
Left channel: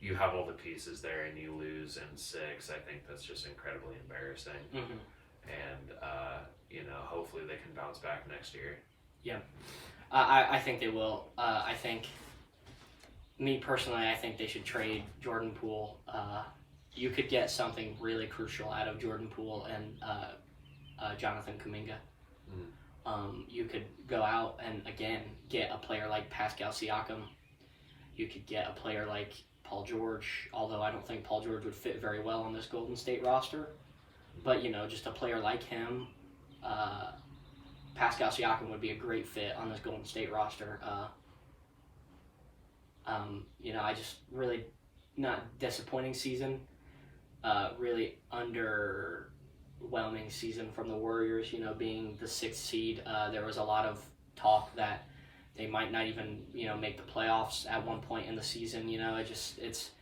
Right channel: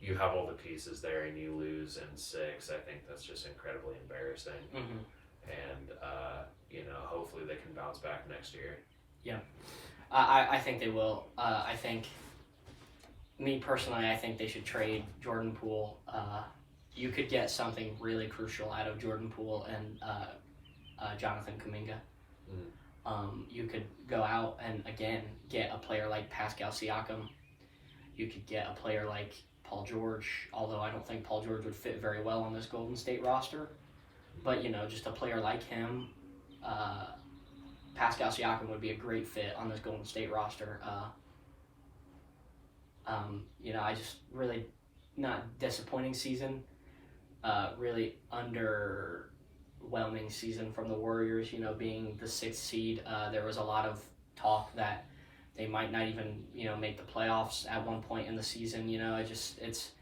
You have all the pieces there and you lose in 6. I think that's just incredibly embarrassing. And, you know, hopefully they can bounce back next year. Yeah. I think they will. I think, me personally, I think they should trade Jordan Poole. You could get something really crucial out of Jordan Poole and Jonathan Kuminga. You could go out and, again, get a player like Pascal Siakam. You could get a player like Paul George, although I don't think Paul George would fit very well on this Golden State roster. But, you know, just a player like him, Pascal Siakam would be a great fit on this Golden State roster. You know, I just really not disappointing season. Really underwhelming season from the Warriors, you know, being the 6th seed. There was a lot of talk that they might not even, you know, make the playoffs at one point in the season. You know, it's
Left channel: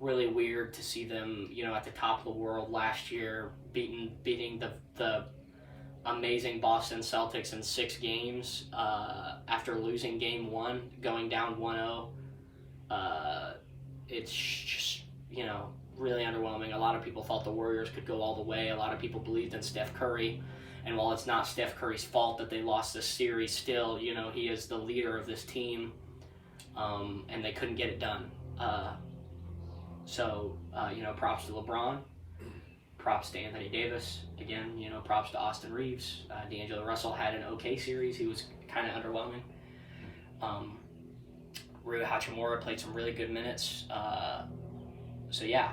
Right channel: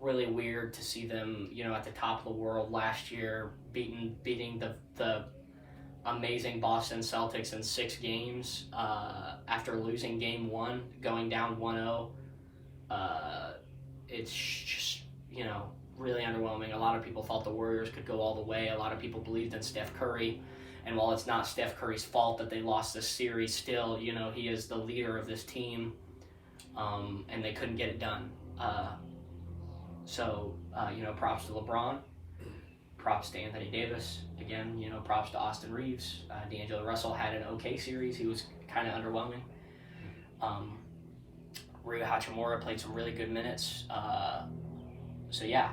really weird to see them, you know, at the top of the world last year, beating the amazing Boston Celtics in 6 games after losing game 1, going down 1-0. It's just, you know, really underwhelming. A lot of people thought the Warriors could go all the way. A lot of people believed in Steph Curry. And while it's not Steph Curry's fault that they lost this series, still, you know, he is the leader of this team. And they couldn't get it done. So, you know, props to LeBron. Props to Anthony Davis. Again, you know, props to Austin Reeves. D'Angelo Russell had an okay series. He was kind of underwhelming. Rui Hachimura played some really good minutes. So, yeah,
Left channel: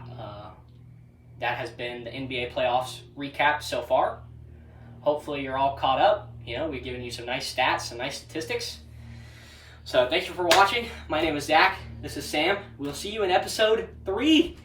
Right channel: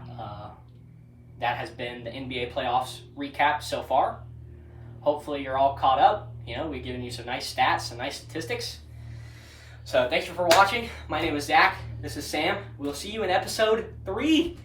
that has been the NBA playoffs recap so far. Hopefully you're all caught up. You know, we've given you some nice stats, some nice statistics. So thank you for watching. My name is Zach. This is Sam. We'll see you in episode 3.